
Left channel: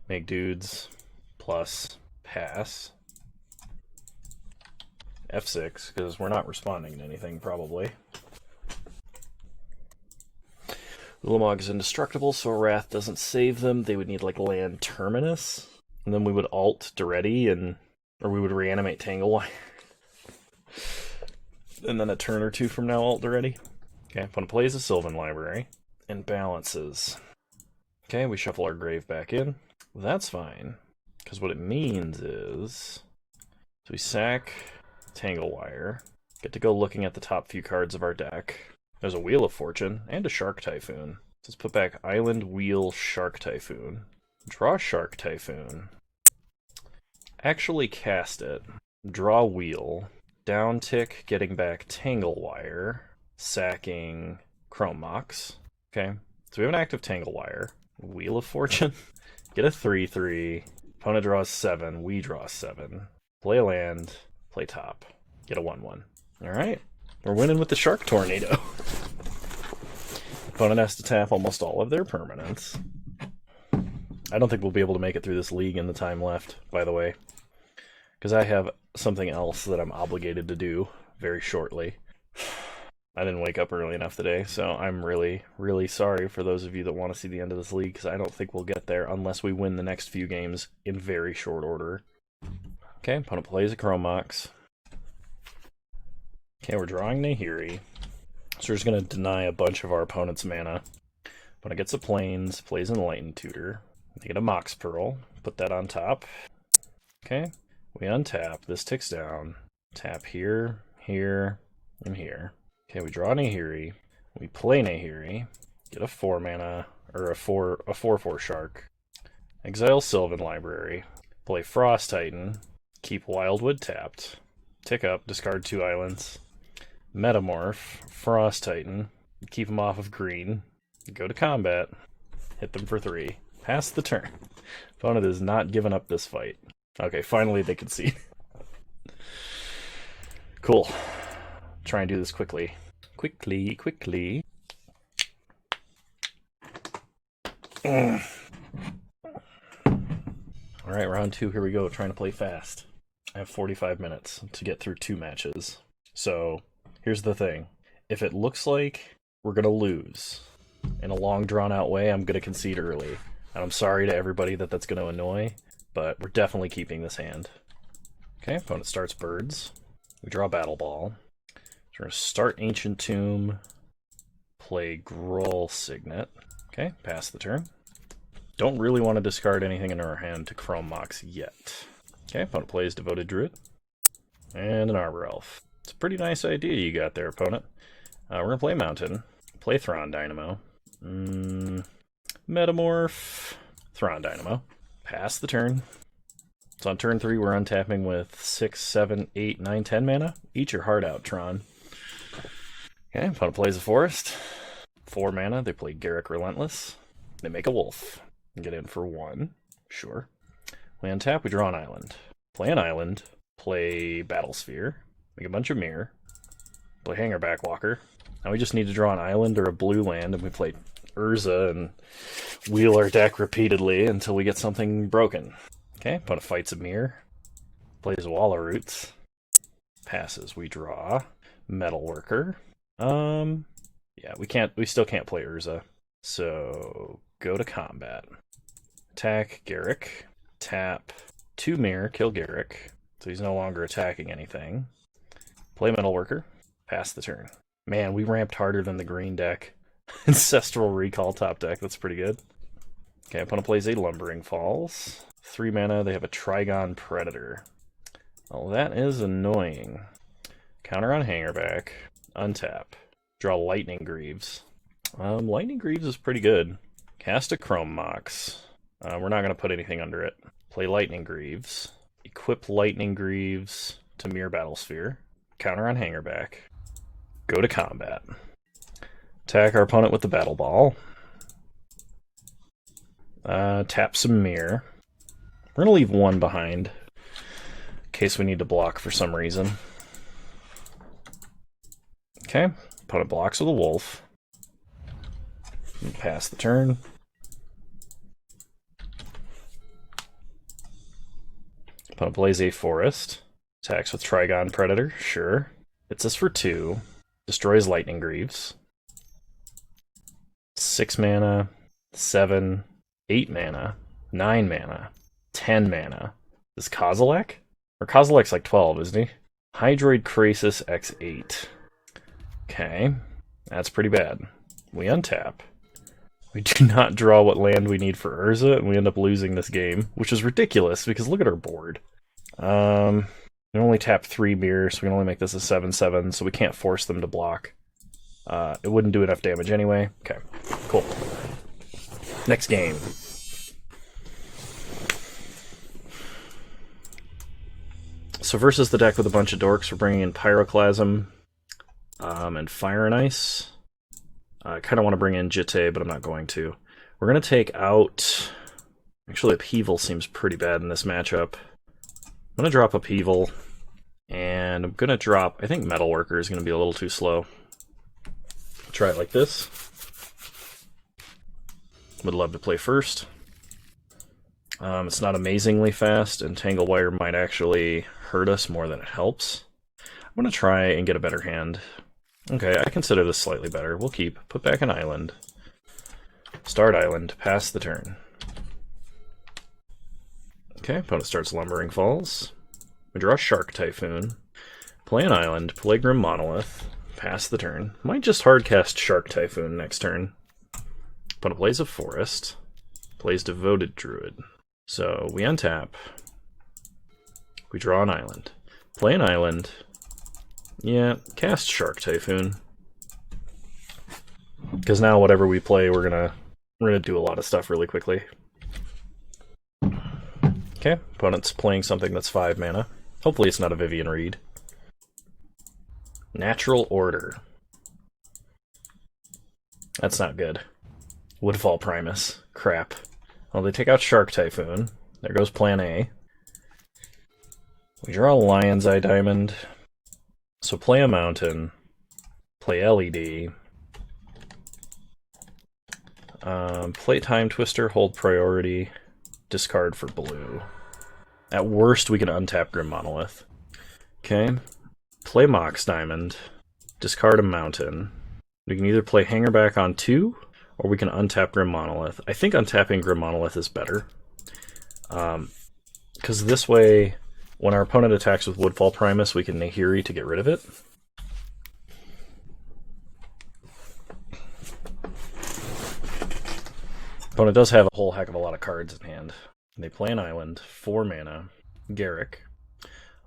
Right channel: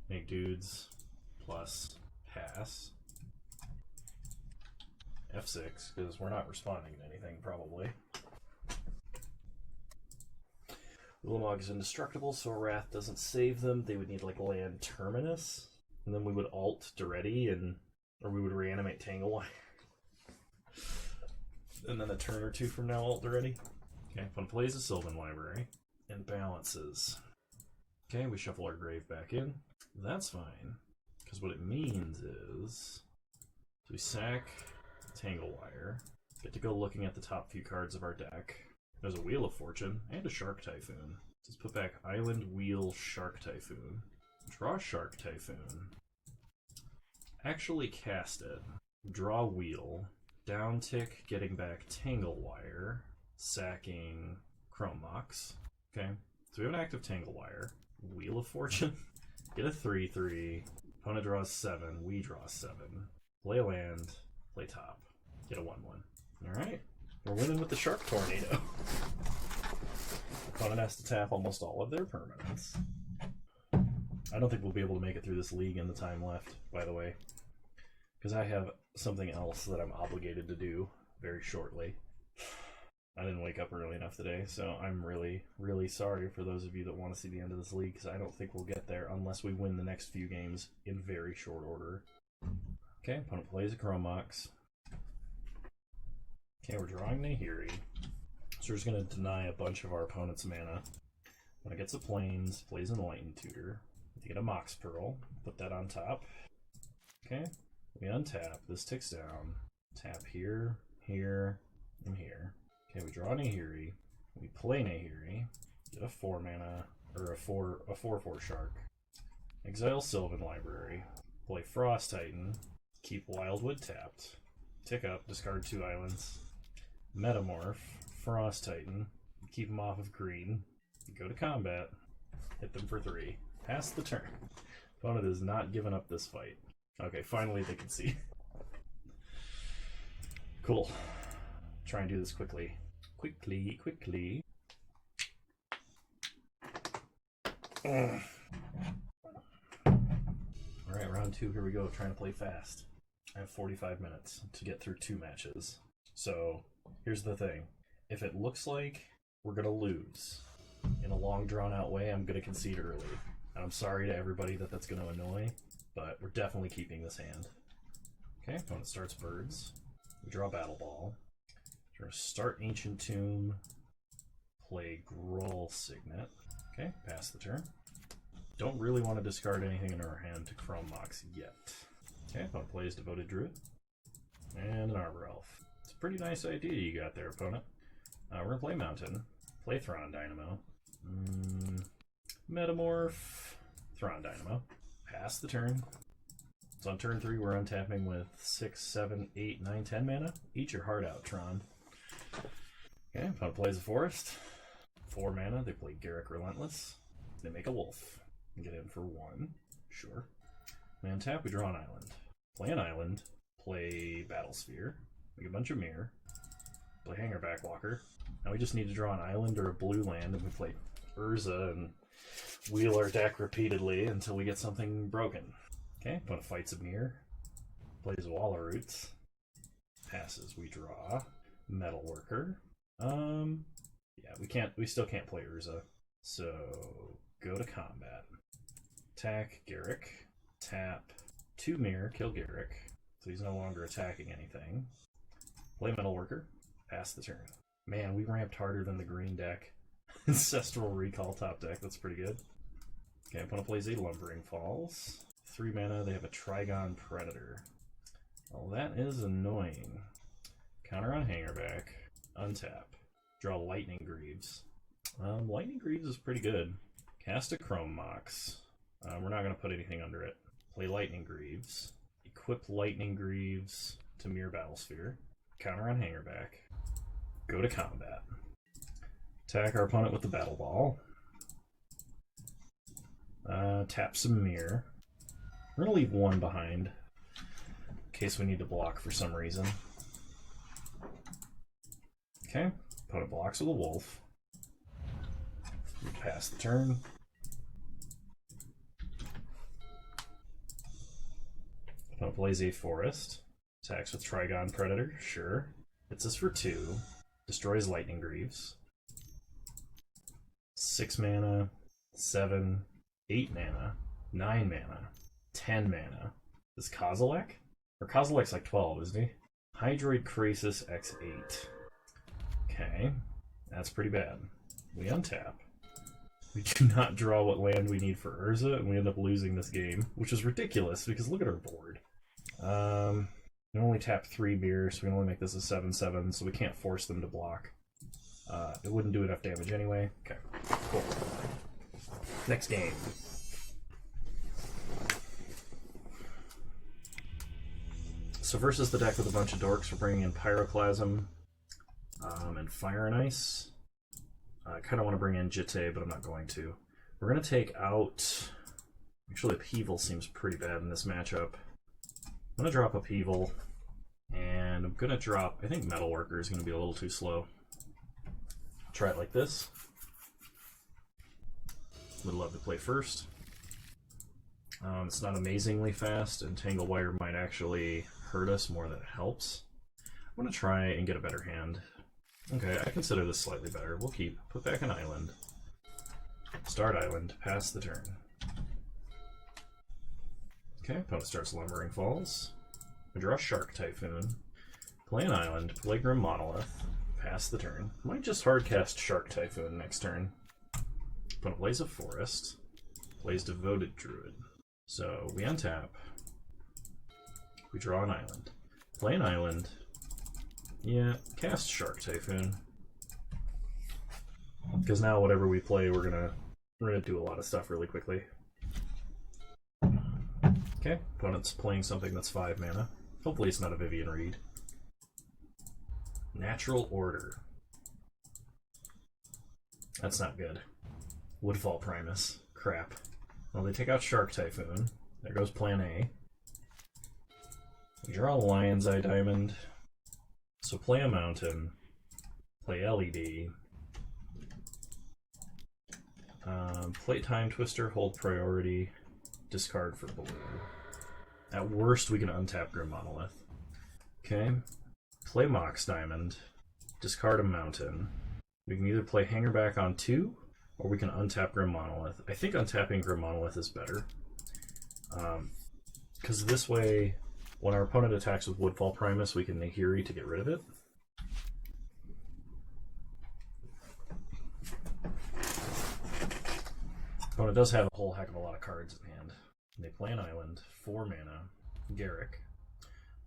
Make dudes plus pass. F6, because we're not responding to anything, probably. Ulamog is indestructible, so Wrath doesn't save them. They would need, like, land Terminus. And then we would alt Duretti, or we would reanimate Tangle Wire. And then a turn or two from now, alt Duretti. Okay, opponent plays a Sylvan Library and balances. Okay, we shuffle our grave back in. Well, that's fine, because what it means is... So we sack Tangle Wire, get to go looking at the top few cards of our deck. There's a Wheel of Fortune and a Shark Typhoon. Let's put back Island, Wheel, Shark Typhoon. Draw Shark Typhoon. Actually cast it. Draw Wheel. Down tick, getting back Tangle Wire. Sacking Chrome Mox. Okay, so we have an active Tangle Wire. Wheel of Fortune. Get a 3/3. Opponent draws 7. We draw 7. Play a land. Play top. Get a 1/1. Alright. We're winning with the Shark Tornado. Opponent has to tap almost all of their permanents. I don't think we'll be able to make it through this league in the time left, by the way. Because I have something else that I'm obligated to do very shortly. I didn't wake up early enough today, so I'm really, really sorry for those of you that want to see the end of this league, because I don't think we'll get there unless we win the next few games in very short order. Okay, opponent plays a Chrome Mox. Okay, we're drawing Nahiri. So we're just going to deny a bunch of our opponent's mana. Opponent gets a Plains, plays Enlightened Tutor. They get a Mox Pearl, put that on top. Okay, we untap, this ticks down. Tap here, here, and here. Okay, we draw Nahiri. We play Nahiri. Get a 4 mana, or a 4/4 Shark. Exile Sylvan Library. Play Frost Titan. Keep Wildwood tapped. Tick up, discard 2 islands. Metamorph, Frost Titan. Keep them off of green. Go to combat. Hit them for 3. Pass the turn. Opponent is not giving up this fight. Okay, finally they can see. Cool. Try and do this quickly. Quickly. Alright, round 2, here we go. Trying to play fast. I have 45 minutes to get through 2 matches. So, here's the thing. If it looks like we're going to lose in a long, drawn-out way, I'm going to concede early. And I'm sorry to everybody that that's going to annoy, but we're definitely keeping this hand. Okay, opponent starts Birds. We draw Battle Ball. We're going to start Ancient Tomb, play Groll Signet. Okay, pass the turn. Don't really want to discard anything in our hand to Chrome Mox yet. Okay, opponent plays Devoted Druid. And an Arbor Elf. It's a pretty nice idea you got there, opponent. We're going to play Mountain. Play Thron Dynamo. Metamorph. Thron Dynamo. Pass the turn. So on turn 3, we're untapping with 6, 7, 8, 9, 10 mana. Eat your heart out, Tron. Okay, opponent plays a Forest. 4 mana, they play Garruk Relentless. They make a Wolf. And get in for 1. Sure. We untap, we draw an island. Play an island. Play Battlesphere. Make a bunch of Mirror. Play Hangerback Walker. Now we just need to draw an island or a blue land, and we play Urza and wheel our deck repeatedly until we get something broken. Okay, opponent fights a Mirror. Plays Wall of Roots. Passes, we draw. Metalworker. Yeah, we still can't play Urza. So go to combat. Attack Garruk. Tap 2 Mirror, kill Garruk. So he's no longer attacking anything. Play Metalworker. Pass the turn. Man, we ramped harder than the green deck. Ancestral Recall top deck, that's pretty good. Okay, opponent plays a Lumbering Falls. 3 mana, they have a Trigon Predator. Well, that is annoying. Counter on Hangerback. Untap. Draw Lightning Greaves. Lightning Greaves is pretty good. Cast a Chrome Mox. We're not going to put anything under it. Play Lightning Greaves. Equip Lightning Greaves to Mirror Battlesphere. Counter on Hangerback. Go to combat. Attack our opponent with the Battle Ball. Tap some Mirror. We're going to leave 1 behind in case we need to block for some reason. Okay, opponent blocks with a Wolf. Pass the turn. Opponent plays a Forest. Attacks with Trigon Predator, sure. Hits us for 2. Destroys Lightning Greaves. 6 mana, 7, 8 mana, 9 mana, 10 mana. Is Kozilek? Or Kozilek's like 12, isn't he? Hydroid Krasis X8. Okay, that's pretty bad. We untap. We do not draw what land we need for Urza, and we end up losing this game, which is ridiculous because look at our board. We only tap 3 mirrors, so we can only make this a 7/7, so we can't force them to block. It wouldn't do enough damage anyway. Okay, cool. Next game. So versus the deck with a bunch of dorks, we're bringing in Pyroclasm and Fire and Ice. I kind of want to bring in Jitte, but I'm not going to. We're going to take out... Actually, Upheaval seems pretty bad in this matchup. I'm going to drop Upheaval, and I'm going to drop... I think Metalworker is going to be a little too slow. Try it like this. Would love to play first. It's not amazingly fast, and Tangle Wire might actually hurt us more than it helps. I'm going to try and get a better hand. Okay, I consider this slightly better. We'll keep. Put back an island. Start island. Pass the turn. Okay, opponent starts Lumbering Falls. We draw Shark Typhoon. Play an island. Play Grim Monolith. Pass the turn. Might just hardcast Shark Typhoon next turn. Opponent plays a Forest. Plays Devoted Druid. So we untap. We draw an island. Play an island. Yeah, cast Shark Typhoon. Because now whatever we play, we're gonna do a lot of stuff really quickly. Okay, opponent's playing something that's 5 mana. Hopefully it's not a Vivian Reed. Natural Order. That's not good. Woodfall Primus. Crap. Well, they take out Shark Typhoon. There goes Plan A. We draw Lion's Eye Diamond. So play a Mountain. Play LED. Play Time Twister, hold priority. Discard for blue. At worst, we can untap Grim Monolith. Okay. Play Mox Diamond. Discard a Mountain. We can either play Hangerback on 2, or we can untap Grim Monolith. I think untapping Grim Monolith is better. Because this way, when our opponent attacks with Woodfall Primus, we can Nahiri to get rid of it. Opponent does have a whole heck of a lot of cards in hand. They play an island, 4 mana, Garruk.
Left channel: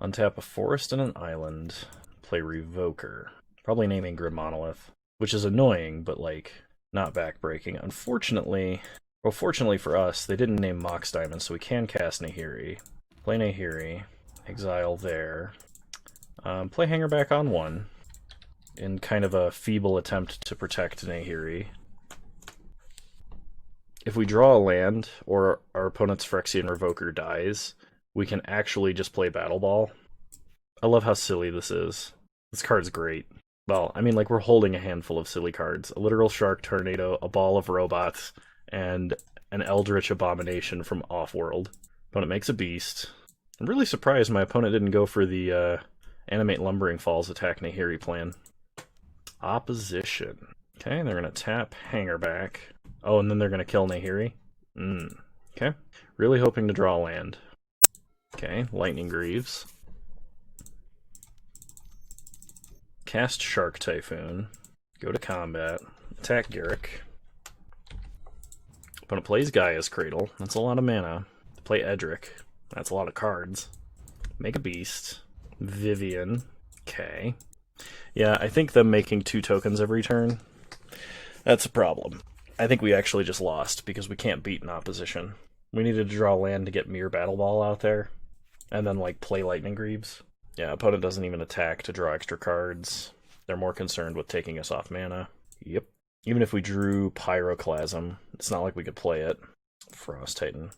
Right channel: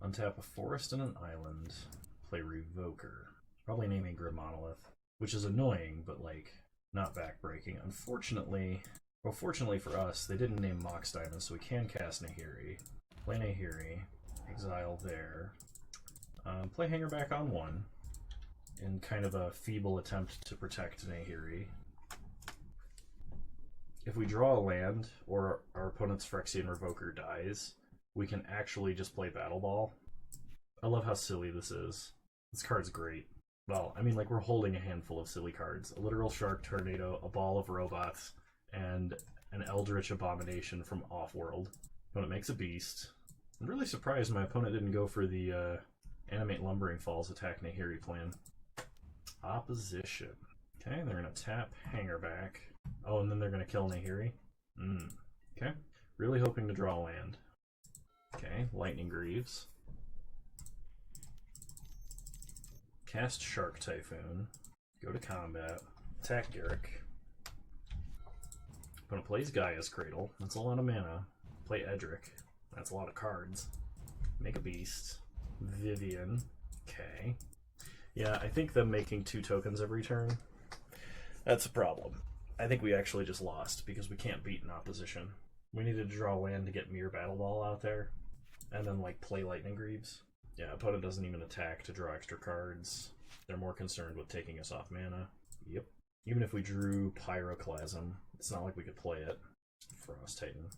Untap a forest and an island. Play Revoker. Probably naming Grim Monolith, which is annoying, but like not backbreaking. Unfortunately, well, fortunately for us, they didn't name Mox Diamond, so we can cast Nahiri. Play Nahiri. Exile there. Play Hangerback on 1 in kind of a feeble attempt to protect Nahiri. If we draw a land, or our opponent's Phyrexian Revoker dies, we can actually just play Battle Ball. I love how silly this is. This card's great. Well, I mean, like, we're holding a handful of silly cards. A literal Shark Tornado, a Ball of Robots, and an Eldritch Abomination from Offworld. Opponent makes a Beast. I'm really surprised my opponent didn't go for the Animate Lumbering Falls attack Nahiri plan. Opposition. Okay, they're going to tap Hangerback. Oh, and then they're going to kill Nahiri? Okay. Really hoping to draw land. Okay, Lightning Greaves. Cast Shark Typhoon. Go to combat. Attack Garruk. Opponent plays Gaia's Cradle. That's a lot of mana. Play Edric. That's a lot of cards. Make a Beast. Vivian. Okay. Yeah, I think them making 2 tokens every turn, that's a problem. I think we actually just lost because we can't beat an opposition. We needed to draw land to get Mere Battle Ball out there, and then like play Lightning Greaves. Yeah, opponent doesn't even attack to draw extra cards. They're more concerned with taking us off mana. Yep. Even if we drew Pyroclasm, it's not like we could play it. Frost Titan.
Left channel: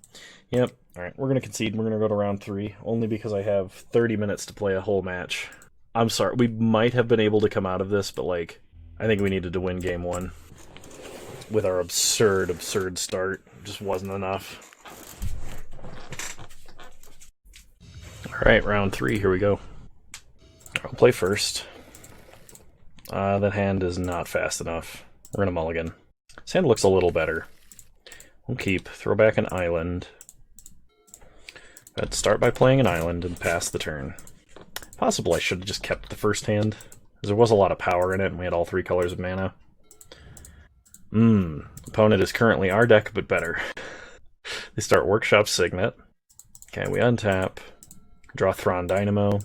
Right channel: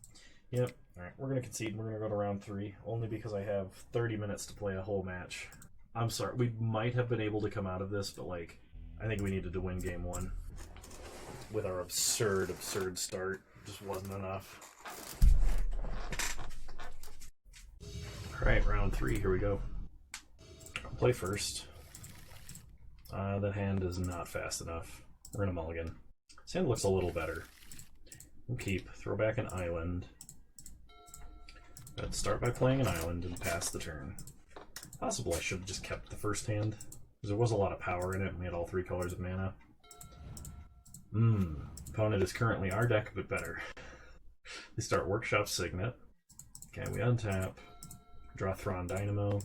Yep. Alright, we're going to concede. We're going to go to round 3, only because I have 30 minutes to play a whole match. I'm sorry, we might have been able to come out of this, but like, I think we needed to win game 1. With our absurd start. Just wasn't enough. Alright, round 3, here we go. I'll play first. That hand is not fast enough. We're gonna mulligan. This hand looks a little better. We'll keep. Throw back an island. Let's start by playing an island and pass the turn. Possible I should have just kept the first hand, because there was a lot of power in it, and we had all 3 colors of mana. Opponent is currently our deck, but better. They start Workshop Signet. Okay, we untap. Draw Thrawn Dynamo.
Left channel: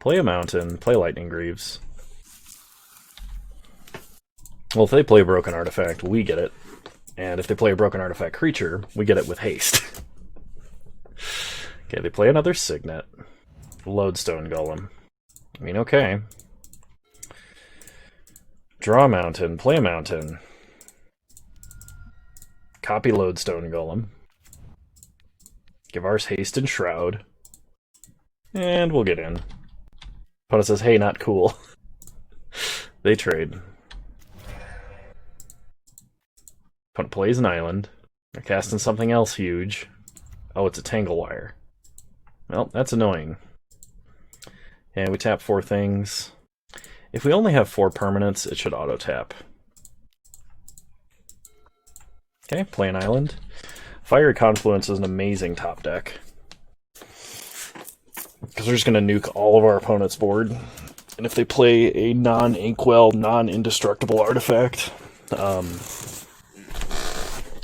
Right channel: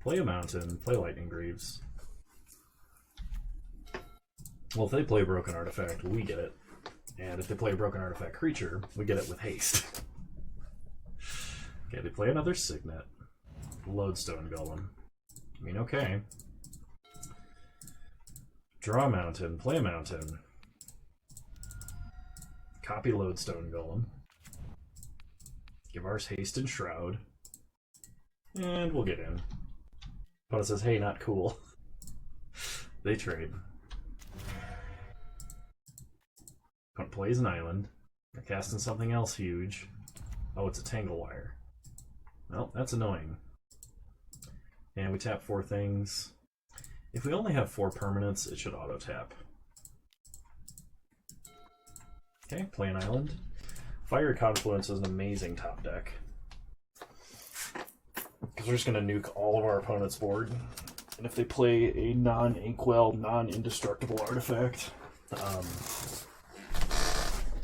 Play a Mountain. Play Lightning Greaves. Well, if they play a Broken Artifact, we get it. And if they play a Broken Artifact creature, we get it with haste. Okay, they play another Signet. Lodestone Golem. I mean, okay. Draw a Mountain. Play a Mountain. Copy Lodestone Golem. Give ours haste and shroud. And we'll get in. Opponent says, hey, not cool. They trade. Opponent plays an island. They're casting something else huge. Oh, it's a Tanglewire. Well, that's annoying. And we tap 4 things. If we only have 4 permanents, it should auto-tap. Okay, play an island. Fiery Confluence is an amazing top deck. Because we're just going to nuke all of our opponent's board. And if they play a non-Inkwell, non-indestructible artifact,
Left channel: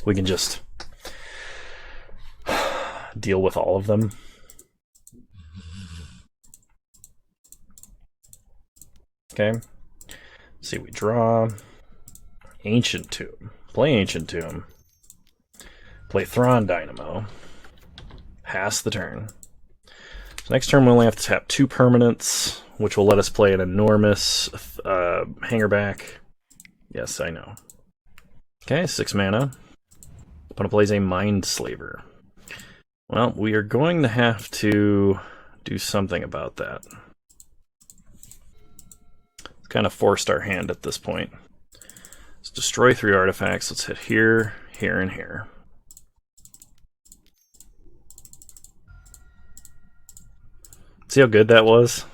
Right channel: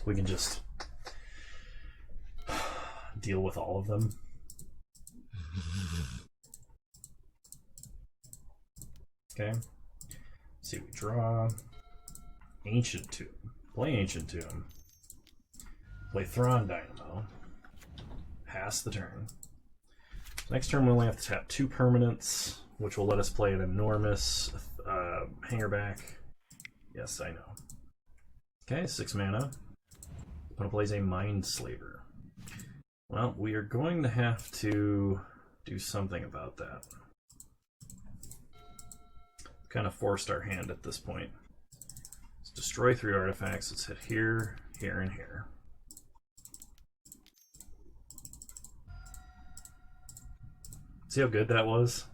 we can just deal with all of them. Okay. Let's see, we draw Ancient Tomb. Play Ancient Tomb. Play Thrawn Dynamo. Pass the turn. So next turn we only have to tap 2 permanents, which will let us play an enormous Hangerback. Yes, I know. Okay, 6 mana. Opponent plays a Mindslaver. Well, we are going to have to do something about that. It's kind of forced our hand at this point. Let's destroy 3 artifacts. Let's hit here, here, and here. See how good that was?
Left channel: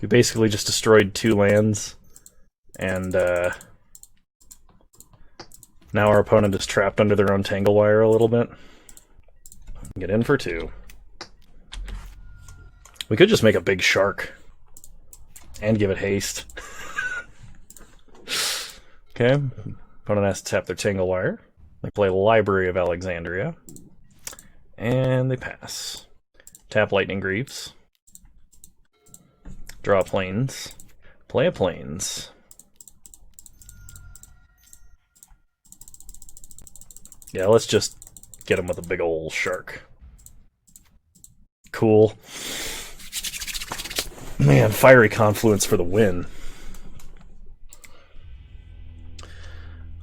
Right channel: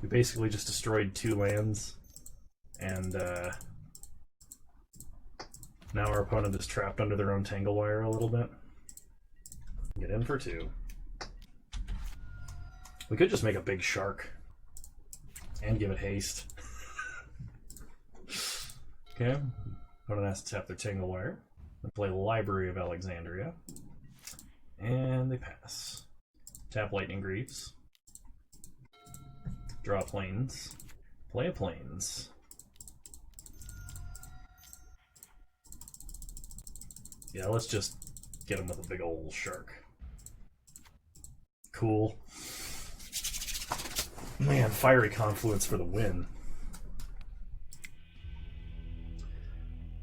We basically just destroyed 2 lands, and now our opponent is trapped under their own Tanglewire a little bit. Get in for 2. We could just make a big shark and give it haste. Okay, opponent has to tap their Tanglewire. They play Library of Alexandria, and they pass. Tap Lightning Greaves. Draw planes. Play a planes. Yeah, let's just get him with a big old shark. Cool. Man, Fiery Confluence for the win.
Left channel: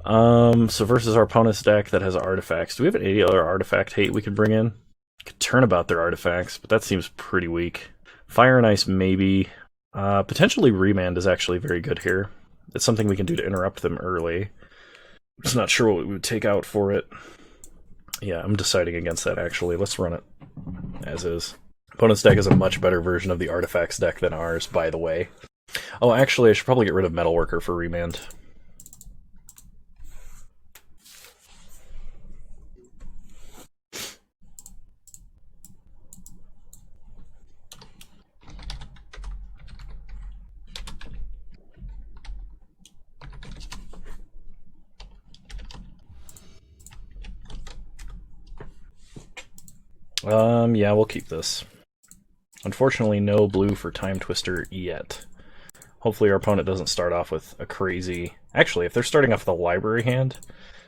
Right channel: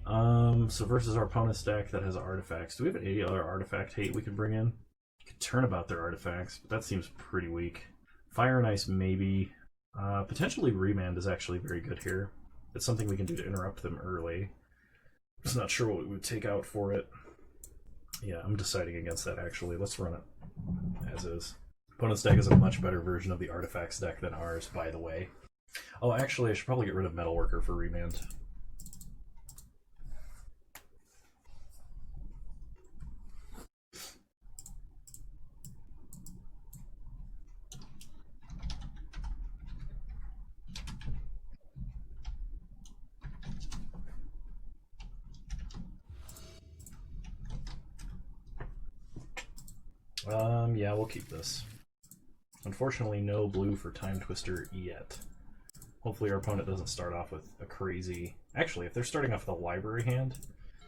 So versus our opponent's deck that has artifacts. Do we have any other artifact hate we could bring in? Could turn about their artifacts, but that seems pretty weak. Fire and Ice, maybe. Potentially Remand is actually very good here. It's something we can do to interrupt them early. I'm just not sure what we would take out for it. Yeah, I'm deciding against that, actually. Let's run it as is. Opponent's deck is a much better version of the artifacts deck than ours, by the way. Oh, actually, I should probably get rid of Metalworker for Remand. Yeah, we'll keep this. Unfortunately, no blue for Time Twister yet. Hopefully our opponent doesn't start off with a crazy... Actually, if they're starting off with a library hand,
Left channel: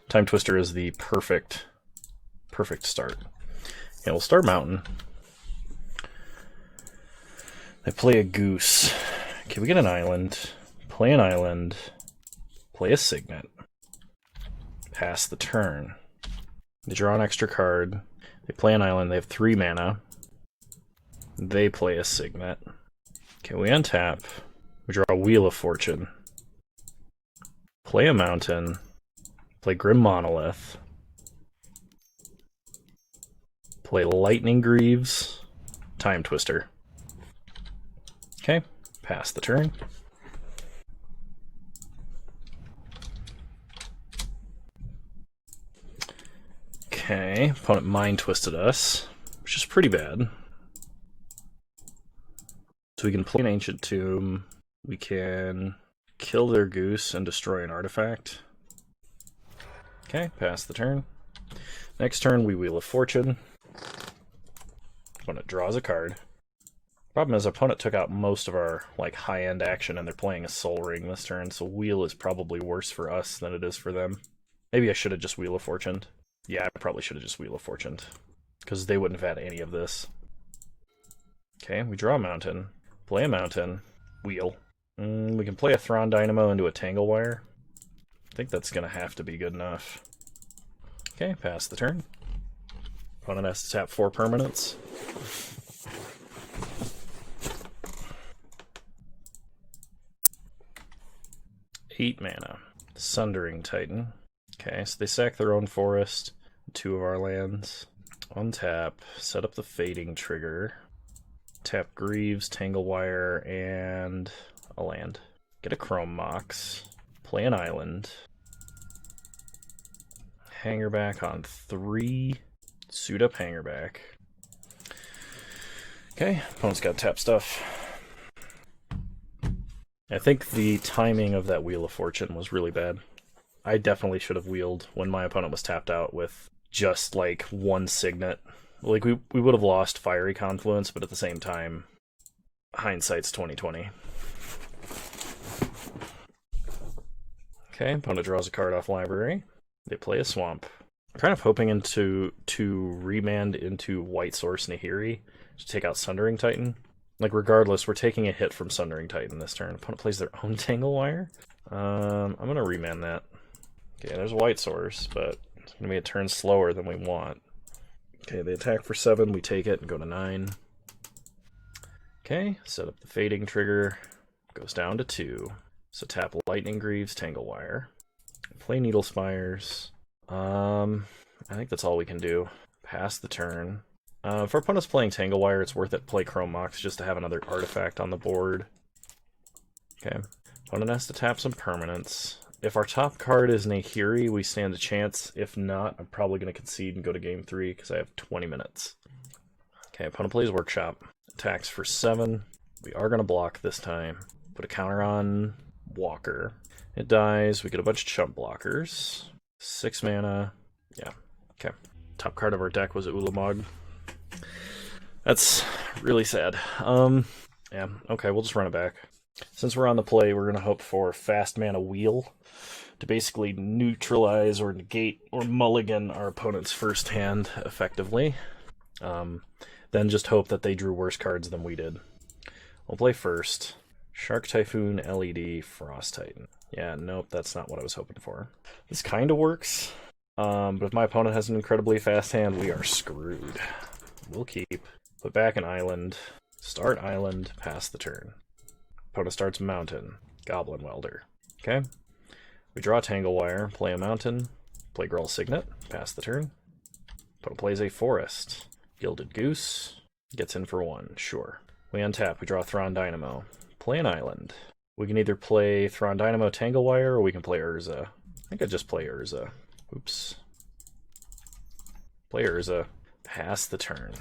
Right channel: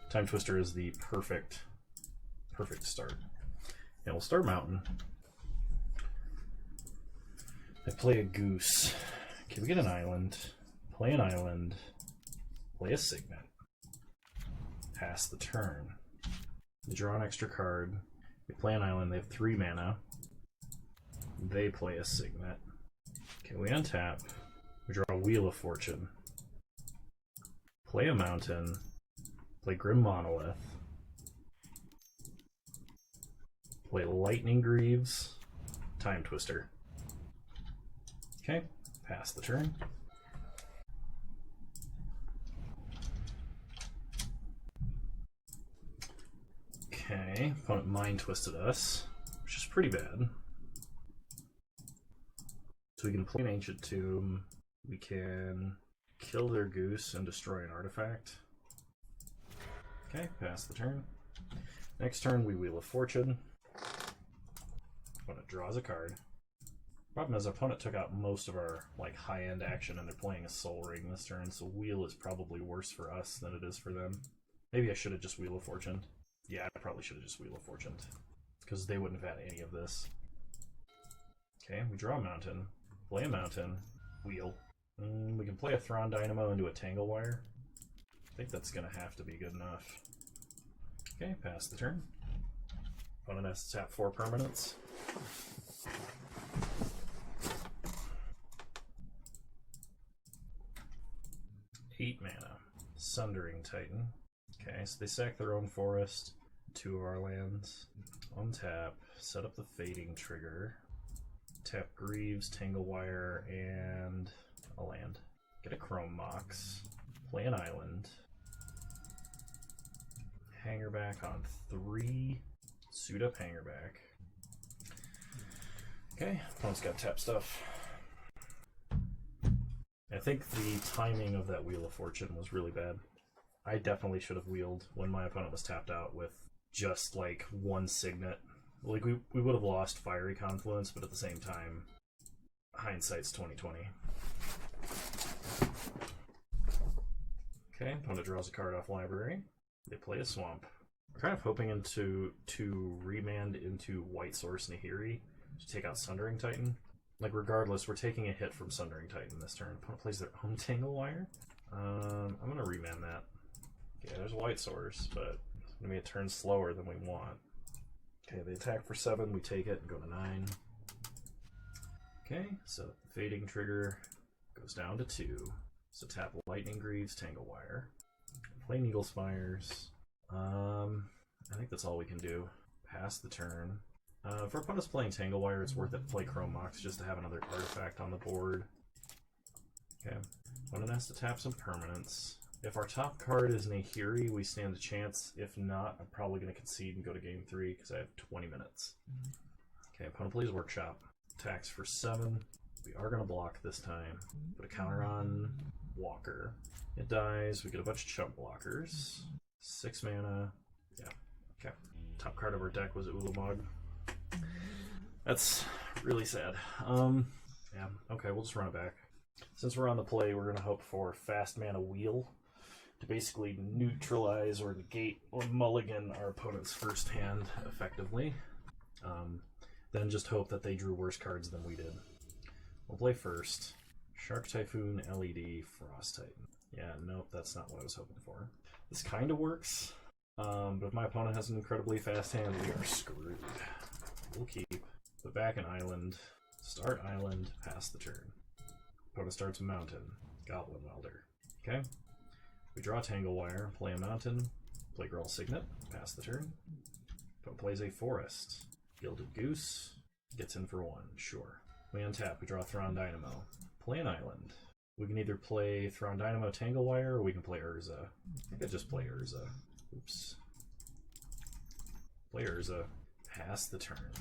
Time Twister is the perfect start. Yeah, we'll start Mountain. They play a Goose. Okay, we get an island. Play an island. Play a Signet. Pass the turn. They draw an extra card. They play an island. They have 3 mana. They play a Signet. Okay, we untap. We draw a Wheel of Fortune. Play a Mountain. Play Grim Monolith. Play Lightning Greaves. Time Twister. Okay, pass the turn. Okay, opponent Mind Twisted us, which is pretty bad. So we can play an Ancient Tomb. We can kill their Goose and destroy an artifact. Okay, pass the turn. Next turn, we Wheel of Fortune. Opponent draws a card. Problem is, opponent took out most of our high-end action, and they're playing a Soul Ring this turn, so Wheel is probably worse for us than it is for them. Maybe I should have just Wheel of Fortuned. Yeah, I probably should have just Wheel of Fortuned, because they wouldn't have had any of this. Okay, we draw a Mountain. Play a Mountain. Wheel. We can play a Thrawn Dynamo into a Tangle Wire. I think that's going to have to be good enough. Okay, pass the turn. Opponent has to tap 4 permanents. Eight mana. Sundering Titan. Okay, so they sack their own forest, 2 of our lands. Untap, set up the Fading Trigger. Tap Greaves, Tangle Wire, and a land. Get a Chrome Mox. Play an island. Hangerback on 3. Suit up Hangerback. Okay, opponent's got tap stuff. I think the timing of that Wheel of Fortune was really bad. I definitely should have wheeled when my opponent was tapped out with just 1 Signet. We would have lost Fiery Confluence, but at the same time, hindsight's 20/20. Okay, opponent draws a card off library. They play a Swamp. I'm kind of hoping to remand into White Source Nahiri to take out Sundering Titan. Regardless, we're taking a hit from Sundering Titan this turn. Opponent plays their own Tangle Wire. I'm going to remand that. Okay, there's a White Source, but it's going to be a turn slower than we want. Okay, they attack for 7. We take it and go to 9. Okay, set up the Fading Trigger. Goes down to 2. So tap Lightning Greaves, Tangle Wire. Play Needle Spires. I think that's all we can do. Pass the turn. If our opponent's playing Tangle Wire, it's worth it to play Chrome Mox just to have another artifact on the board. Okay. Opponent has to tap some permanents. If our top card is Nahiri, we stand a chance. If not, I'm probably going to concede and go to game 3 because I have 20 minutes. Okay, opponent plays Workshop. Attacks for 7. We are going to block this time. Put a counter on Walker. It dies. We get a bunch of chump blockers. 6 mana. Yeah. Okay. Top card of our deck was Ulamog. That's really sad. Yeah, okay, we'll just run it back. Since we're on the play, we're going to hope for fast mana wheel to basically neutralize or negate or mulligan our opponent's first hand effectively. Then just hope that they drew worse cards than we did. We'll play first. Shark Typhoon, LED, Frost Titan. Yeah, nope, that's not what I was hoping for. This kind of works, but if my opponent has an incredibly fast hand, we are screwed. We'll keep. Put back an island. Start island, pass the turn. Opponent starts mountain. Goblin Welder. Okay. We draw Tangle Wire, play a mountain, play Gruul Signet, pass the turn. Opponent plays a forest. Gilded Goose. Gets in for 1, sure. We untap, we draw Thrawn Dynamo. Play an island. We can either play Thrawn Dynamo Tangle Wire, or we can play Urza. I think I'd just play Urza. Oops. Play Urza. Pass the turn.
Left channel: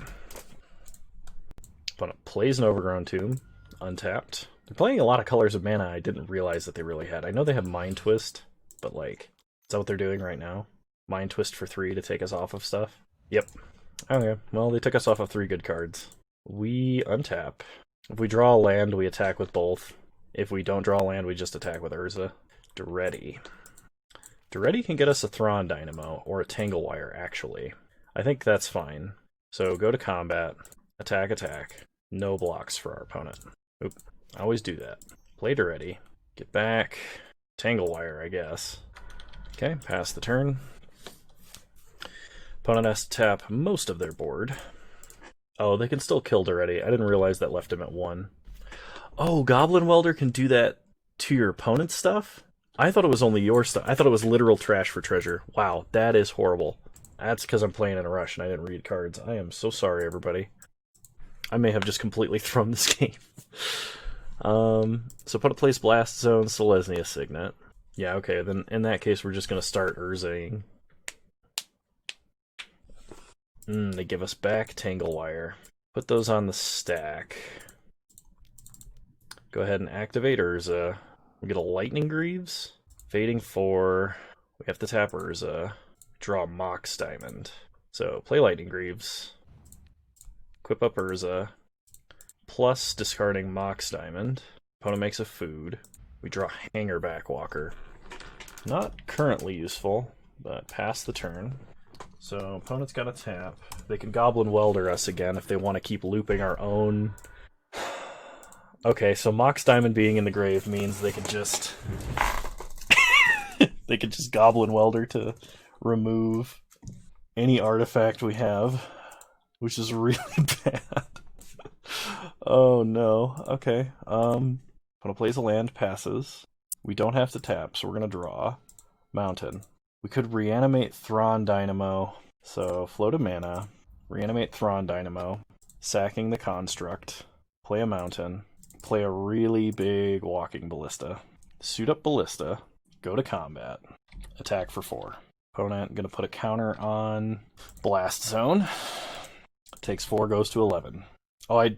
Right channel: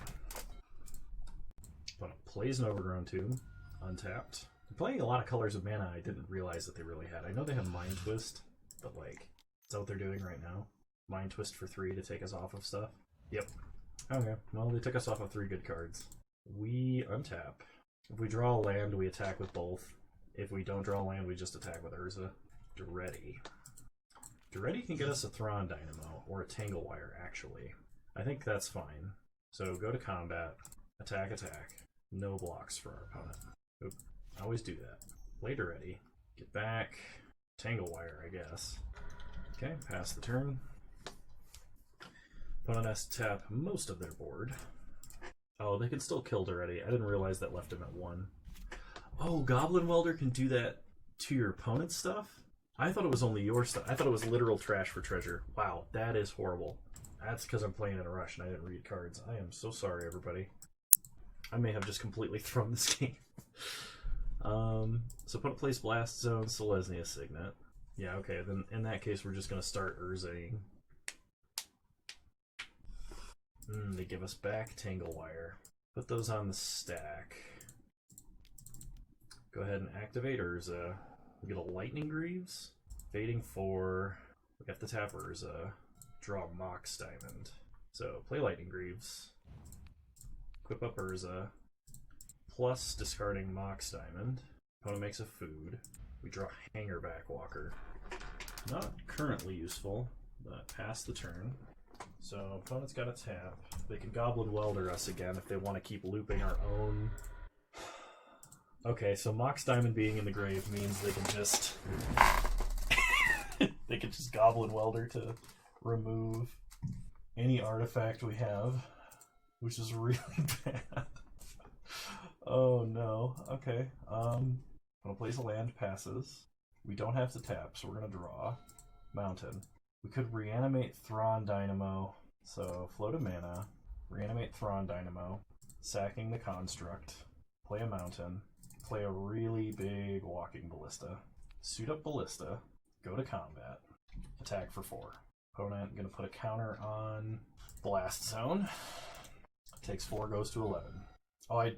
Opponent plays an Overgrown Tomb. Untapped. They're playing a lot of colors of mana I didn't realize that they really had. I know they have Mind Twist, but like, is that what they're doing right now? Mind Twist for 3 to take us off of stuff? Yep. Okay, well, they took us off of 3 good cards. We untap. If we draw a land, we attack with both. If we don't draw a land, we just attack with Urza. Duretti. Duretti can get us a Thrawn Dynamo, or a Tangle Wire, actually. I think that's fine. So go to combat, attack, attack. No blocks for our opponent. Oop, I always do that. Play Duretti. Get back. Tangle Wire, I guess. Okay, pass the turn. Opponent has to tap most of their board. Oh, they can still kill Duretti. I didn't realize that left him at 1. Oh, Goblin Welder can do that to your opponent's stuff? I thought it was only your stuff. I thought it was literal trash for treasure. Wow, that is horrible. That's because I'm playing in a rush and I didn't read cards. I am so sorry, everybody. I may have just completely thrown this game. So opponent plays Blast Zone, Selesnya Signet. Yeah, okay, then in that case we're just going to start Urzaing. They give us back Tangle Wire. Put those on the stack. Go ahead and activate Urza. We get a Lightning Greaves. Fading 4. We have to tap Urza. Draw Mox Diamond. So play Lightning Greaves. Equip up Urza. Plus discarding Mox Diamond. Opponent makes a food. We draw Hangerback Walker. Not currently useful, but pass the turn. So opponent's got a tap. They can Goblin Welder us again if they want to keep looping our own. Okay, so Mox Diamond being in the grave means they could just they could just Goblin Welder to remove any artifact we have, which is really bad. Oh no. Okay. Opponent plays a land, passes. We don't have to tap, so we're gonna draw Mountain. We could reanimate Thrawn Dynamo, so float a mana, reanimate Thrawn Dynamo, sacking the construct, play a mountain, play a really big Walking Ballista, suit up Ballista, go to combat, attack for 4. Opponent gonna put a counter on Blast Zone. Takes 4, goes to 11. Oh, I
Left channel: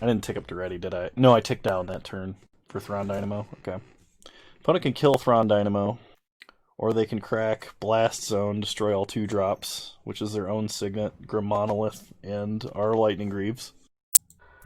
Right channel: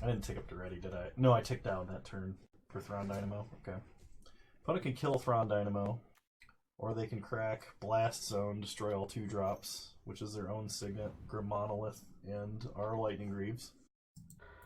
didn't tick up Duretti, did I? No, I ticked down that turn for Thrawn Dynamo. Okay. Opponent can kill Thrawn Dynamo. Or they can crack Blast Zone, destroy all 2-drops, which is their own Signet, Grim Monolith, and our Lightning Greaves.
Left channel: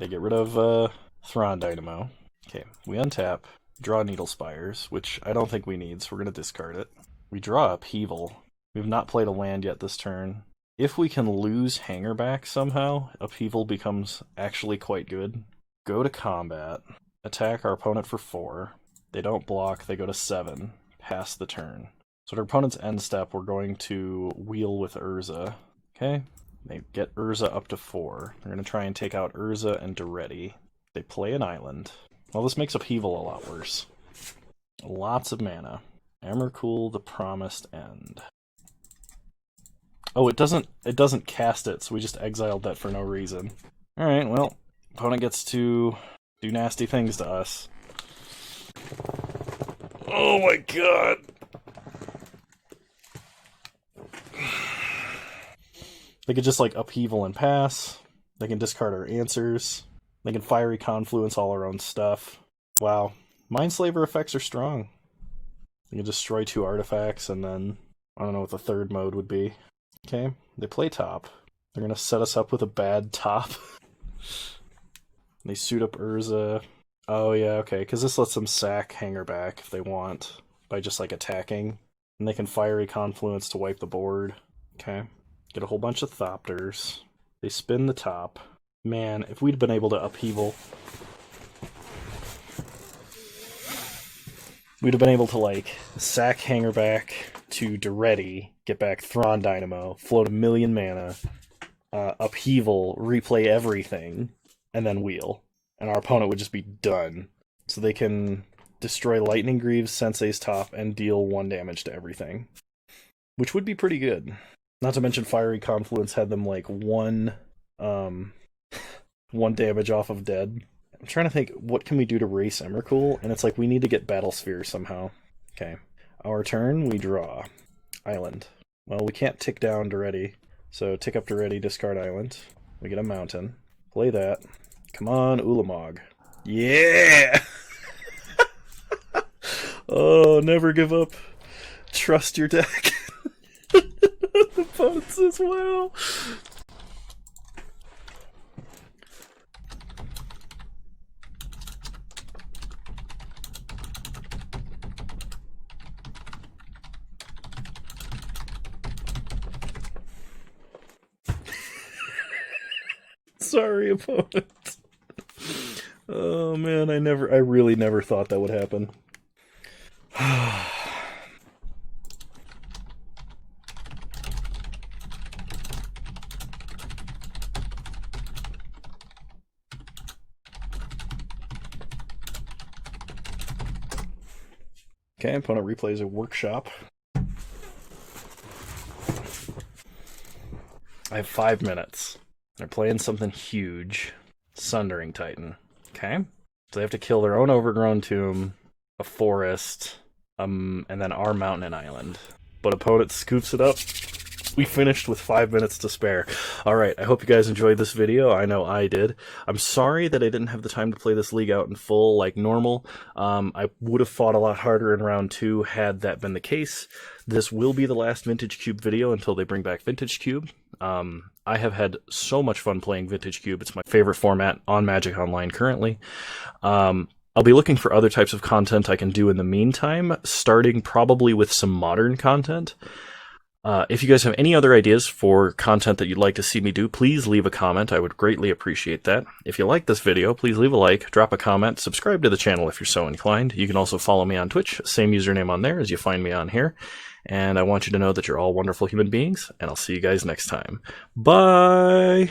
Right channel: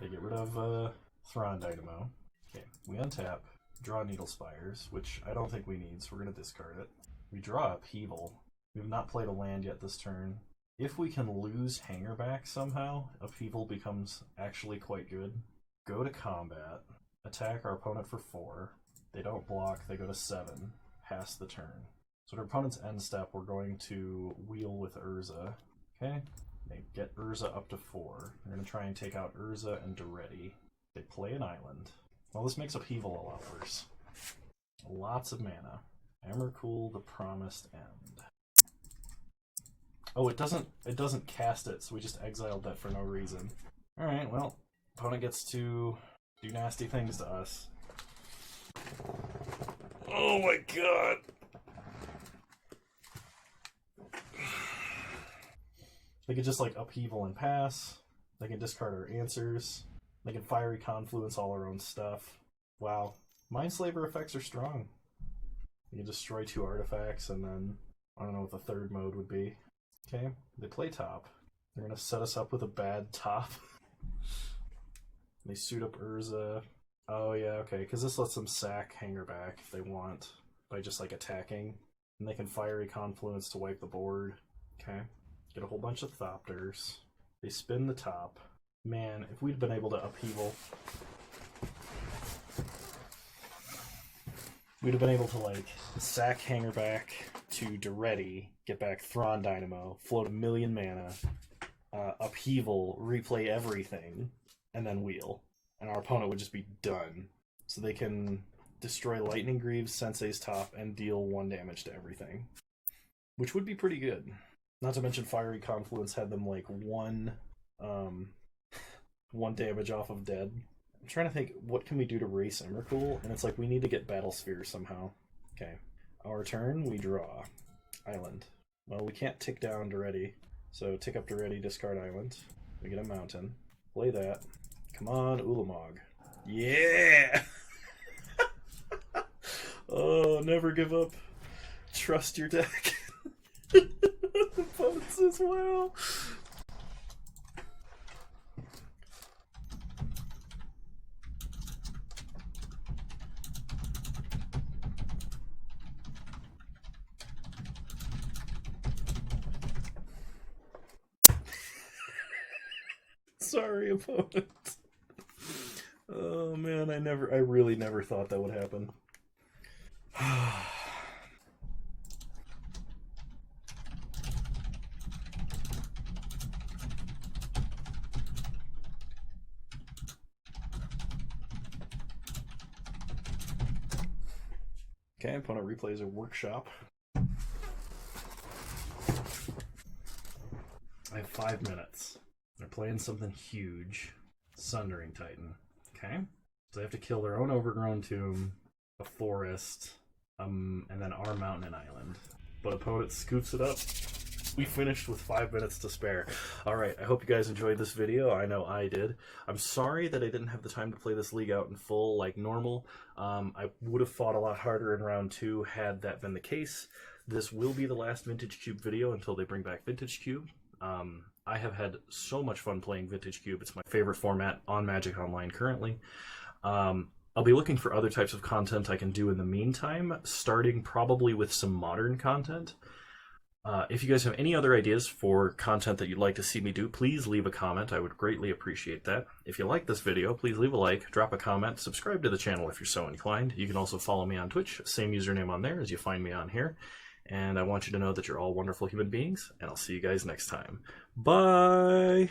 They get rid of Thrawn Dynamo. Okay, we untap, draw Needle Spires, which I don't think we need, so we're going to discard it. We draw Upheaval. We have not played a land yet this turn. If we can lose Hangerback somehow, Upheaval becomes actually quite good. Go to combat, attack our opponent for 4. They don't block, they go to 7. Pass the turn. So at our opponent's end step, we're going to wheel with Urza. Okay? They get Urza up to 4. They're going to try and take out Urza and Duretti. They play an island. Well, this makes Upheaval a lot worse. Lots of mana. Emrakul, the Promised End. Oh, it doesn't cast it, so we just exiled that for no reason. Alright, well, opponent gets to do nasty things to us. Oh my god! They could just, like, Upheaval and pass. They can discard our answers. They can Fiery Confluence all our own stuff. Wow. Mindslaver effects are strong. They can destroy 2 artifacts, and then I don't know what the third mode would be. Okay, they play top. They're going to set us up with a bad top. They suit up Urza. Oh yeah, okay, because this lets them sack Hanger back if they want by just like attacking, and they can Fiery Confluence to wipe the board. Okay, get a whole bunch of Thopters. They spin the top. Man, if we'd been able to upheaval, we'd have been able to like sack Hanger back to Duretti, get back Thrawn Dynamo, float a million mana, upheaval, replay everything, and then wheel. And our opponent would just be done. So they can destroy Lightning Greaves, Sensei's Top, and deal 1 damage to everything. Which would be pretty good. Not to mention Fiery Confluence had them like 1 damage off of dead. I'm trying to think, what can we do to race Emrakul? And it's like, we need to get Battle Sphere somehow. Okay. Our turn, we draw. Island. Well, we can't tick down Duretti. So tick up Duretti, discard Island. We get a mountain. Play that. Come on, Ulamog. Yeah! Oh, never give up. Trust your deck. Opponents as well. Sorry, opponent. Oh man, I really never thought that would happen. Okay, opponent replays a workshop. I have 5 minutes. They're playing something huge. Sundering Titan. Okay? So they have to kill their own overgrown tomb, a forest, and then our mountain and island. But opponent scoops it up. We finished with 5 minutes to spare. Alright, I hope you guys enjoyed this video. I know I did. I'm sorry that I didn't have the time to play this league out in full like normal. I would have fought a lot harder in round 2 had that been the case. This will be the last Vintage Cube video until they bring back Vintage Cube. I have had so much fun playing Vintage Cube. It's my favorite format on Magic Online currently. I'll be looking for other types of content I can do in the meantime, starting probably with some modern content. If you guys have any other ideas for content that you'd like to see me do, please leave a comment. I would greatly appreciate that. If you like this video, please leave a like, drop a comment, subscribe to the channel if you're so inclined. You can also follow me on Twitch, same username on there as you find me on here. And I want you to know that you're all wonderful human beings, and I'll see you guys next time. Bye!